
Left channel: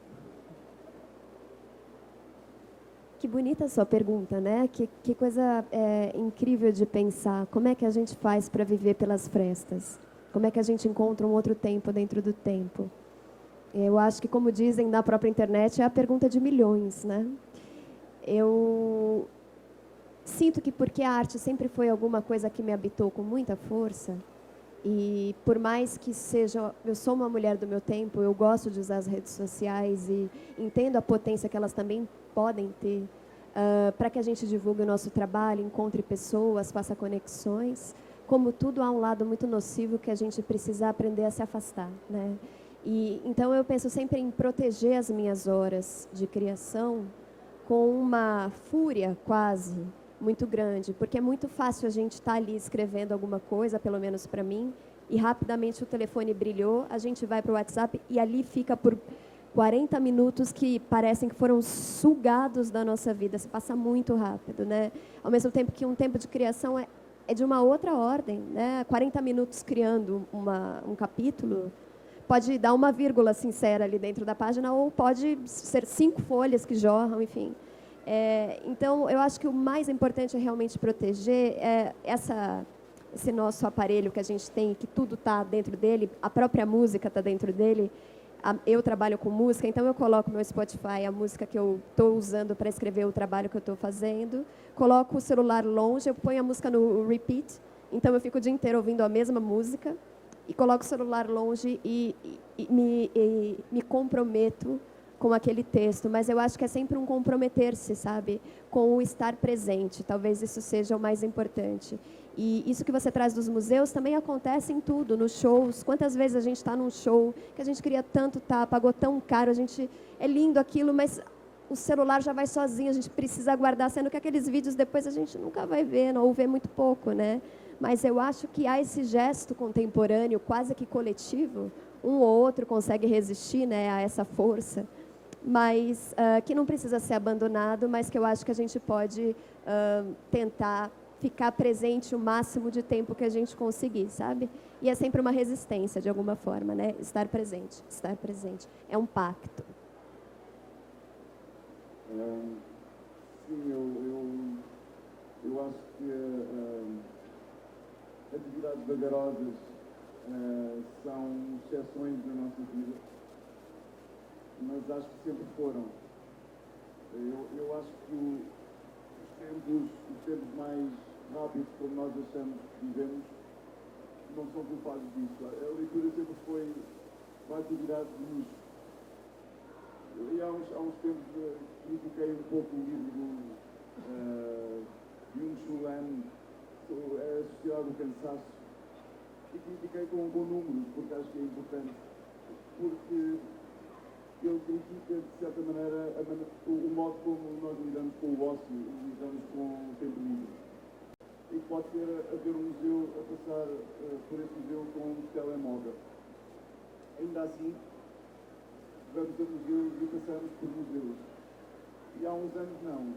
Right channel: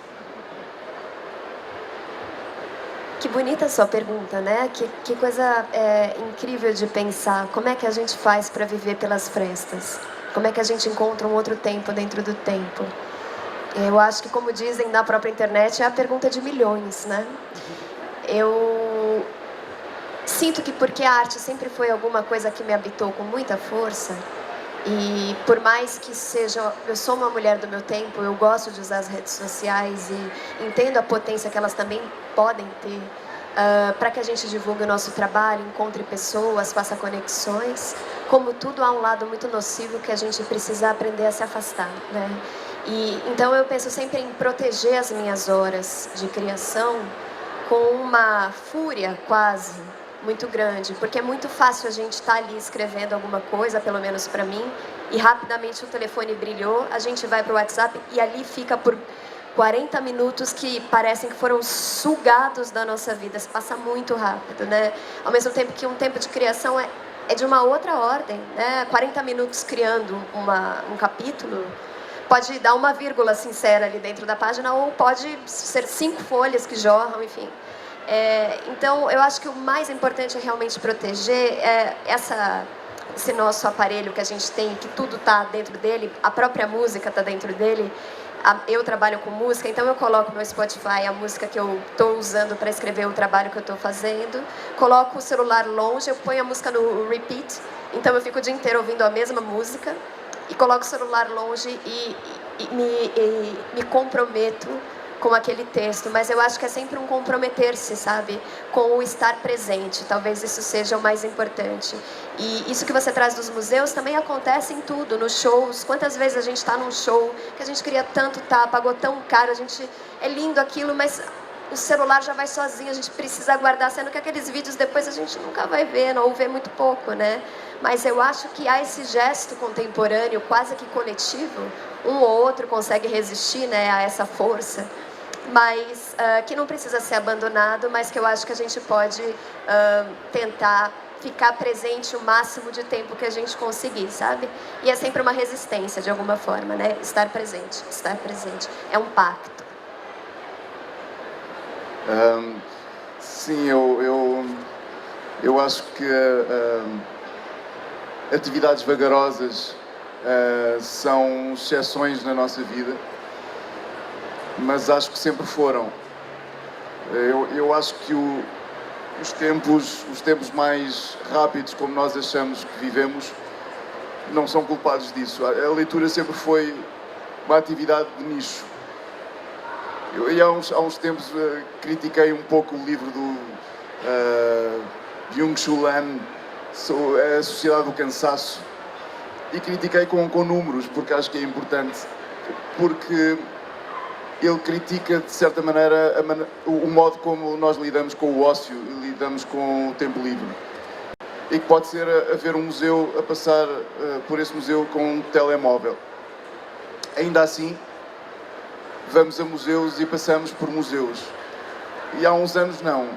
Que bonita a sua pergunta, né? Que coisa incrível de pensar. Como é que a gente faz para viver pelas frestas? Como é que a gente encontra um outro tempo dentro do tempo? Eu acho que, como dizem na própria internet, é a pergunta de milhões, né? Eu sinto que porque a arte sempre foi alguma coisa que me habitou com muita força, e por mais que seja, eu sou uma mulher do meu tempo, eu gosto de usar as redes sociais e entendo a potência que elas também podem ter para que a gente divulgue o nosso trabalho, encontre pessoas, faça conexões. Como tudo, há um lado muito nocivo que a gente precisa aprender a se afastar, né? E então eu penso sempre em proteger as minhas horas de criação com uma fúria quase muito grande, porque é muito fácil a gente estar ali escrevendo alguma coisa, pelo menos para mim, e rapidamente o telefone brilhou, a gente vai para o WhatsApp e ali fica por 40 minutos que parecem que foram sugados da nossa vida. Se passa muito rápido, né? Ao mesmo tempo que um tempo de criação é de uma outra ordem, né? 40 minutos criando um capítulo pode dar uma vírgula sincera ali dentro da página ou pode ser 5 folhas que jorram, enfim. Então, eu acho que o mais importante é realmente proteger esse nosso aparelho que a gente tem, que tudo está dentro dele, a própria música está dentro dele. Eu trabalho com música, então eu coloco no Spotify a música que eu estou usando para escrever o trabalho que eu estou fazendo, coloco o celular longe, eu ponho a música no repeat, então eu fico o dia inteiro ouvindo a mesma música, e coloco o celular longe e me comprometo com aquele texto, mas eu acho que é sempre um comprometer-se, sabe, com o estar presente, talvez isso seja o mais importante. E isso que você traz dos museus também acontece em tudo, nos shows. Quantas vezes a gente está num show que a gente queria tanto estar, pagou tão caro, é lindo aquilo, mas o celular já vai sozinho, a gente precisa aguardar, sendo que aqueles vídeos depois a gente nunca vai ver, ou vê muito pouco, né? Mas eu acho que há esse gesto contemporâneo, quase que coletivo, um ou outro consegue resistir, né, a essa força, mas que não precisa ser abandonado, mas que eu acho que a gente pode tentar ficar presente o máximo de tempo que a gente conseguir, sabe? E é sempre uma resistência, de alguma forma, né? Estar presente. É um pacto. Sim, eu acho que atividades vagarosas são exceções na nossa vida, mas acho que sempre foram. Eu acho que os tempos mais rápidos, como nós achamos que vivemos, não são culpados disso. A leitura sempre foi uma atividade de nicho. Eu há uns tempos critiquei um pouco o livro do Byung-Chul Han, A Sociedade do Cansaço, e critiquei com números, porque acho que é importante, porque ele critica, de certa maneira, o modo como nós lidamos com o ócio e lidamos com o tempo livre. E que pode ser haver um museu, a passar por esse museu com um telemóvel. Ainda assim, vamos a museus e passamos por museus. E há uns anos não.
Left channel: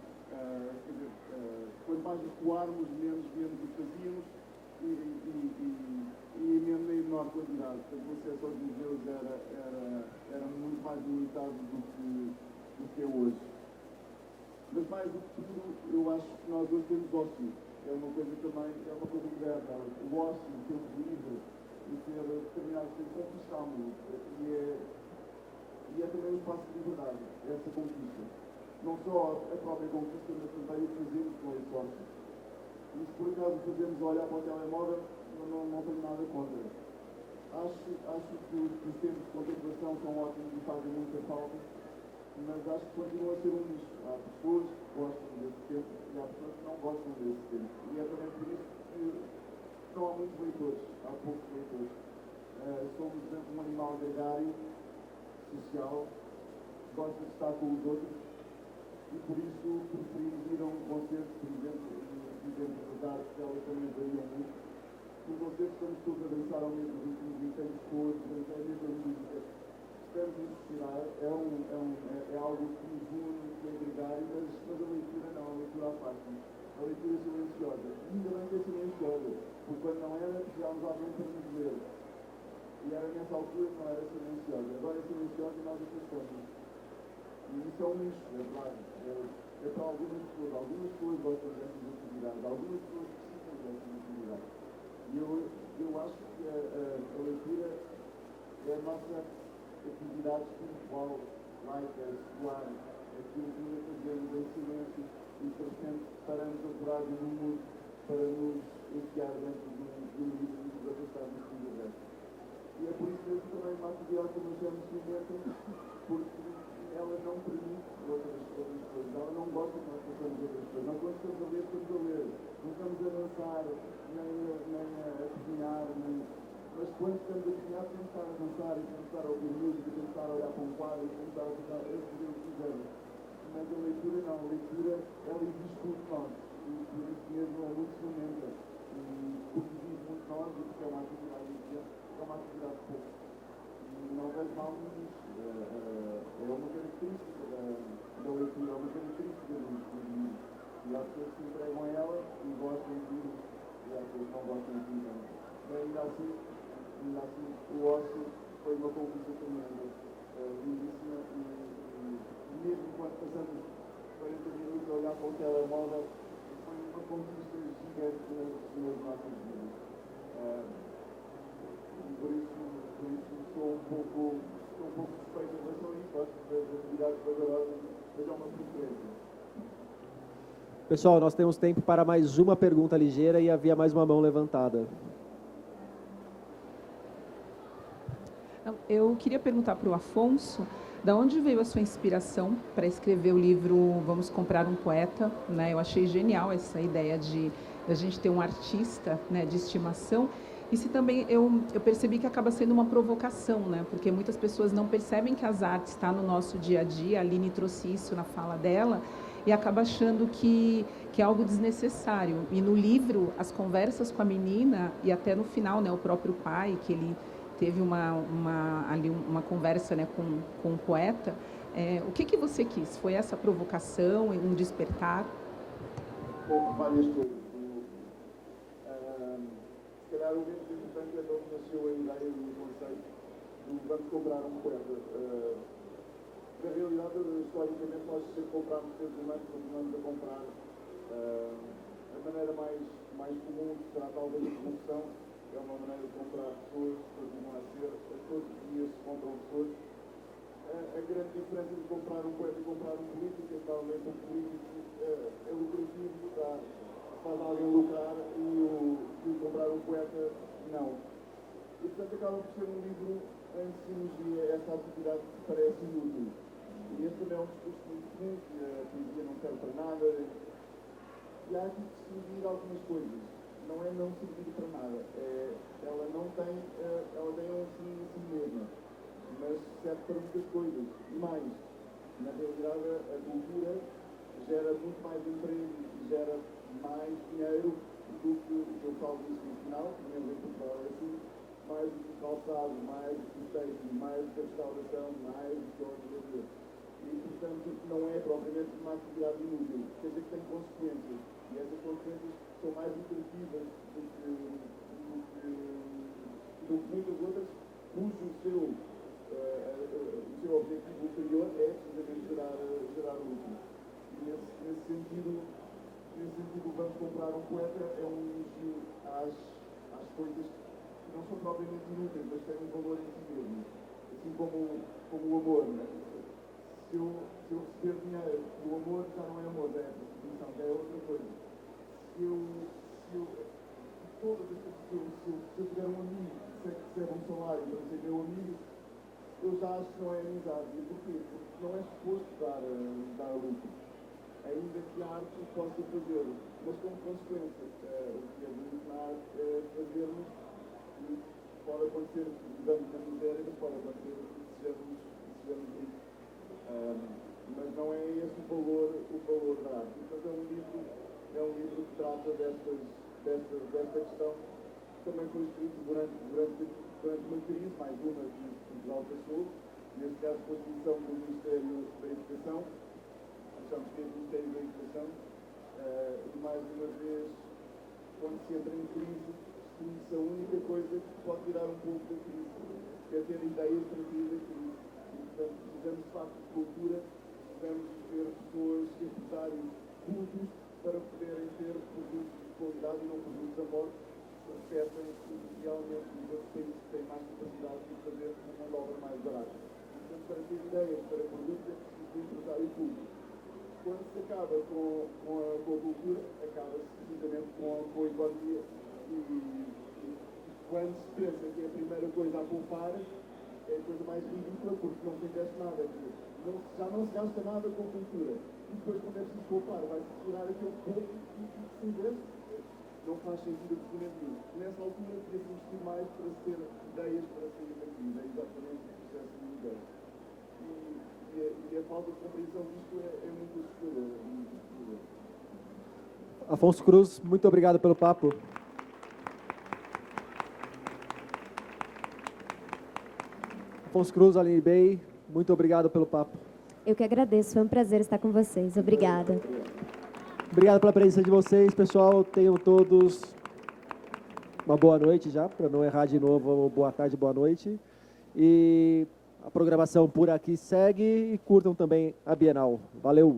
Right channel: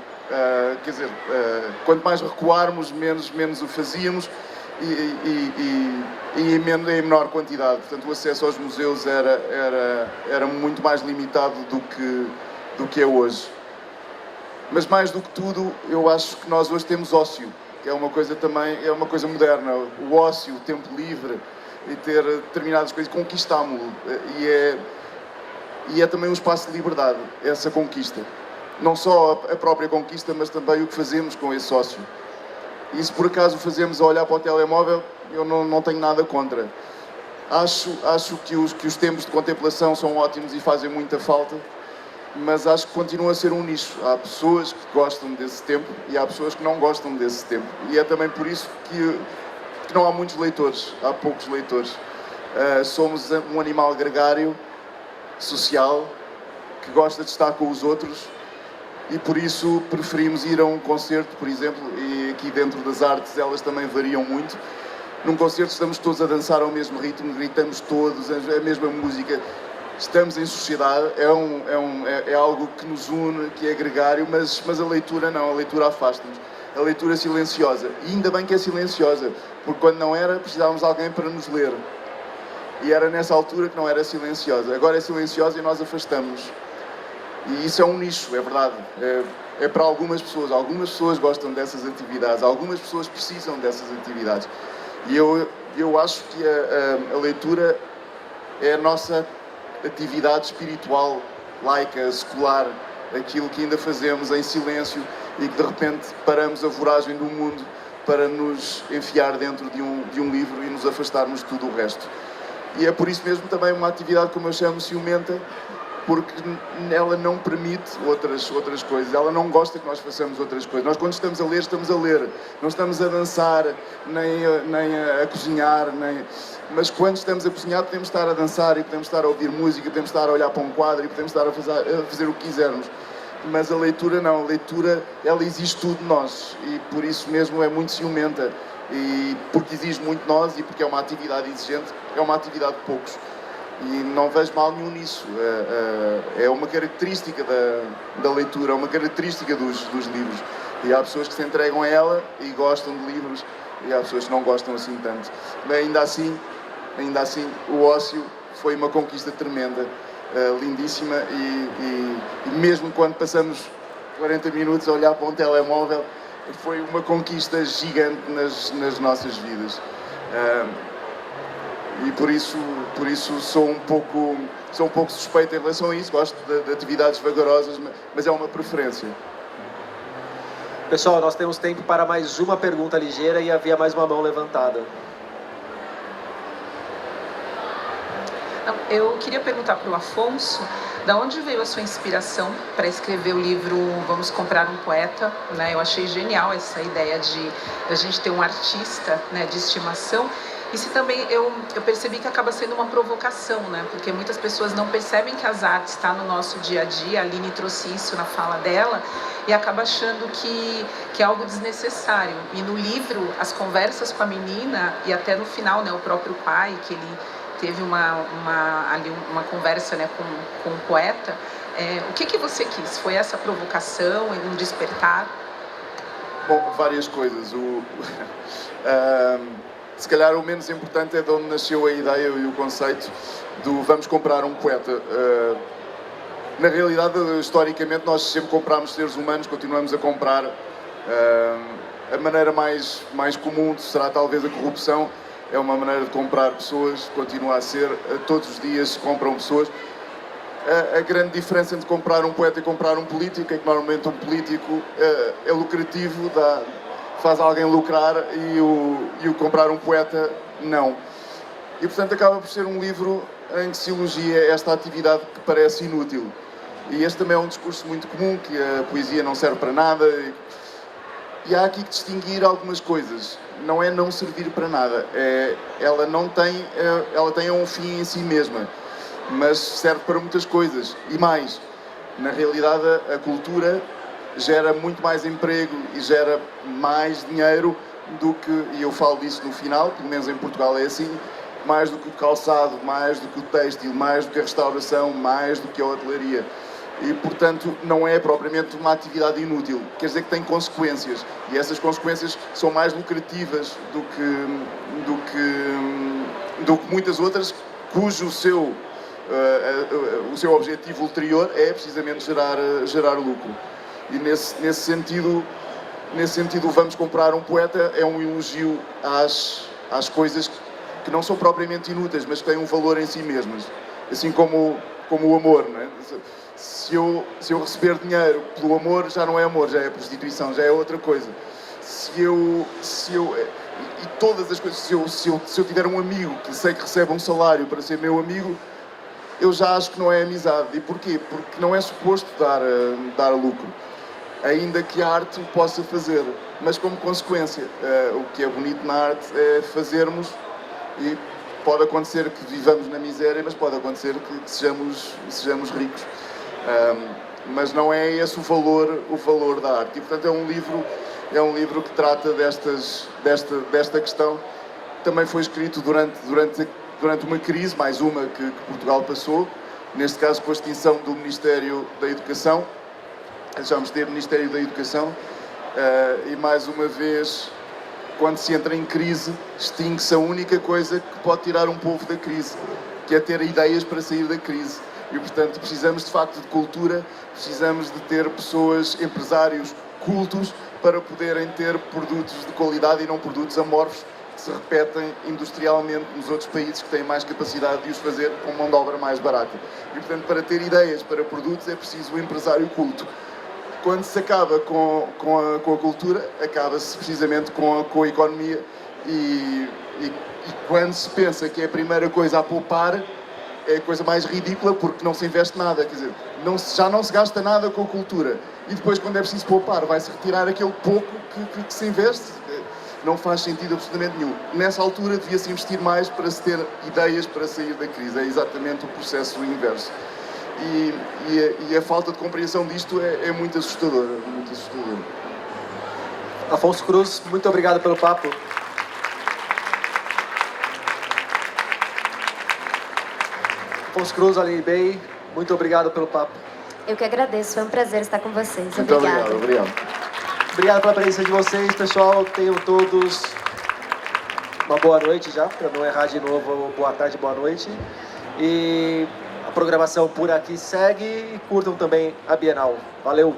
Quer dizer, quanto mais recuarmos, menos o fazíamos e em menor quantidade. Portanto, o acesso aos museus era muito mais limitado do que é hoje. Mas mais do que tudo, eu acho que nós hoje temos ócio, que é uma coisa também, é uma coisa moderna. O ócio, o tempo livre e ter determinadas coisas, conquistámo-lo. E é também um espaço de liberdade, essa conquista. Não só a própria conquista, mas também o que fazemos com esse ócio. E se por acaso o fazemos a olhar para o telemóvel, eu não tenho nada contra. Acho que os tempos de contemplação são ótimos e fazem muita falta, mas acho que continua a ser um nicho. Há pessoas que gostam desse tempo e há pessoas que não gostam desse tempo. E é também por isso que não há muitos leitores, há poucos leitores. Somos um animal gregário, social, que gosta de estar com os outros, e por isso preferimos ir a um concerto, por exemplo, e aqui dentro das artes elas também variam muito. Num concerto estamos todos a dançar ao mesmo ritmo, gritamos todos, a mesma música, estamos em sociedade, é algo que nos une, que é gregário, mas a leitura não, a leitura afasta-nos. A leitura silenciosa, e ainda bem que é silenciosa, porque quando não era, precisávamos de alguém para nos ler. E era nessa altura que não era silenciosa. Agora é silenciosa e nós afastamos. E isso é um nicho, é verdade. É para algumas pessoas gostam dessas atividades, algumas pessoas precisam dessas atividades. E eu acho que a leitura é a nossa atividade espiritual, laica, secular, aquilo que ainda fazemos em silêncio e que de repente paramos a voragem do mundo para nos enfiar dentro de um livro e nos afastarmos de tudo o resto. E é por isso mesmo também uma atividade, como eu chamo, ciumenta, porque ela não permite outras coisas, ela não gosta que nós façamos outras coisas. Nós quando estamos a ler, não estamos a dançar, nem a cozinhar, mas quando estamos a cozinhar podemos estar a dançar e podemos estar a ouvir música, podemos estar a olhar para um quadro e podemos estar a fazer o que quisermos. Mas a leitura não, a leitura ela exige tudo de nós e por isso mesmo é muito ciumenta, e porque exige muito de nós e porque é uma atividade exigente, é uma atividade de poucos. E não vejo mal nenhum nisso. É uma característica da leitura, é uma característica dos livros. E há pessoas que se entregam a ela e gostam de livros, e há pessoas que não gostam assim tanto. Mas ainda assim, o ócio foi uma conquista tremenda, lindíssima, e mesmo quando passamos 40 minutos a olhar para um telemóvel, foi uma conquista gigante nas nossas vidas. E por isso sou um pouco suspeito em relação a isso. Gosto de atividades vagarosas, mas é uma preferência. Pessoal, nós temos tempo para mais uma pergunta ligeira e havia mais uma mão levantada. Eu queria perguntar para o Afonso, da onde veio a sua inspiração para escrever o livro Vamos Comprar um Poeta, né? Eu achei genial essa ideia de a gente ter um artista, né, de estimação. E se também eu percebi que acaba sendo uma provocação, né? Porque muitas pessoas não percebem que as artes estão no nosso dia a dia. A Aline trouxe isso na fala dela e acaba achando que é algo desnecessário. E no livro, as conversas com a menina e até no final, né, o próprio pai, que ele teve uma conversa, né, com o poeta. O que você quis? Foi essa provocação e um despertar? Bom, várias coisas. Se calhar o menos importante é de onde nasceu a ideia e o conceito do vamos comprar um poeta. Na realidade, historicamente, nós sempre comprámos seres humanos, continuamos a comprar. A maneira mais comum será talvez a corrupção. É uma maneira de comprar pessoas, continua a ser. Todos os dias se compram pessoas. a grande diferença entre comprar um poeta e comprar um político é que normalmente um político é lucrativo, faz alguém lucrar, e o comprar um poeta não. E portanto acaba por ser um livro em que se elogia esta atividade que parece inútil. E este também é um discurso muito comum, que a poesia não serve para nada. E há aqui que distinguir algumas coisas. Não é não servir para nada. Ela tem um fim em si mesma, mas serve para muitas coisas. E mais, na realidade a cultura gera muito mais emprego e gera mais dinheiro do que, e eu falo disso no final, pelo menos em Portugal é assim, mais do que o calçado, mais do que o têxtil, mais do que a restauração, mais do que a hotelaria. E, portanto, não é propriamente uma atividade inútil. Quer dizer que tem consequências. E essas consequências são mais lucrativas do que muitas outras, cujo o seu objetivo ulterior é precisamente gerar lucro. E nesse sentido, Vamos Comprar um Poeta é um elogio às coisas que não são propriamente inúteis, mas que têm um valor em si mesmas. Assim como o amor, não é? Se eu receber dinheiro pelo amor, já não é amor, já é prostituição, já é outra coisa. E todas as coisas, se eu tiver um amigo que sei que recebe um salário para ser meu amigo, eu já acho que não é amizade. E porquê? Porque não é suposto dar lucro, ainda que a arte o possa fazer, mas como consequência. O que é bonito na arte é fazermos, e pode acontecer que vivamos na miséria, mas pode acontecer que sejamos ricos. Mas não é esse o valor da arte. E, portanto, é um livro que trata desta questão. Também foi escrito durante uma crise, mais uma que Portugal passou, neste caso com a extinção do Ministério da Educação. Deixámos de ter Ministério da Educação, e mais uma vez, quando se entra em crise, extingue-se a única coisa que pode tirar um povo da crise, que é ter ideias para sair da crise. E, portanto, precisamos de facto de cultura, precisamos de ter pessoas, empresários cultos, para poderem ter produtos de qualidade e não produtos amorfos que se repetem industrialmente nos outros países que têm mais capacidade de os fazer com mão de obra mais barata. E, portanto, para ter ideias para produtos é preciso um empresário culto. Quando se acaba com a cultura, acaba-se precisamente com a economia, e quando se pensa que é a primeira coisa a poupar, é a coisa mais ridícula, porque não se investe nada, quer dizer, já não se gasta nada com a cultura, e depois, quando é preciso poupar, vai-se retirar aquele pouco que se investe. Não faz sentido absolutamente nenhum. Nessa altura devia-se investir mais para se ter ideias para sair da crise. É exatamente o processo inverso. E a falta de compreensão disto é muito assustadora, muito assustadora. Afonso Cruz, muito obrigado pelo papo. Afonso Cruz, Aline Bey, muito obrigado pelo papo. Eu que agradeço, foi um prazer estar com vocês. Muito Obrigada. obrigado. Obrigado pela presença de vocês, pessoal. Tenham todos uma boa noite já, para não errar de novo, boa tarde, boa noite. E a programação por aqui segue, e curtam também a Bienal. Valeu!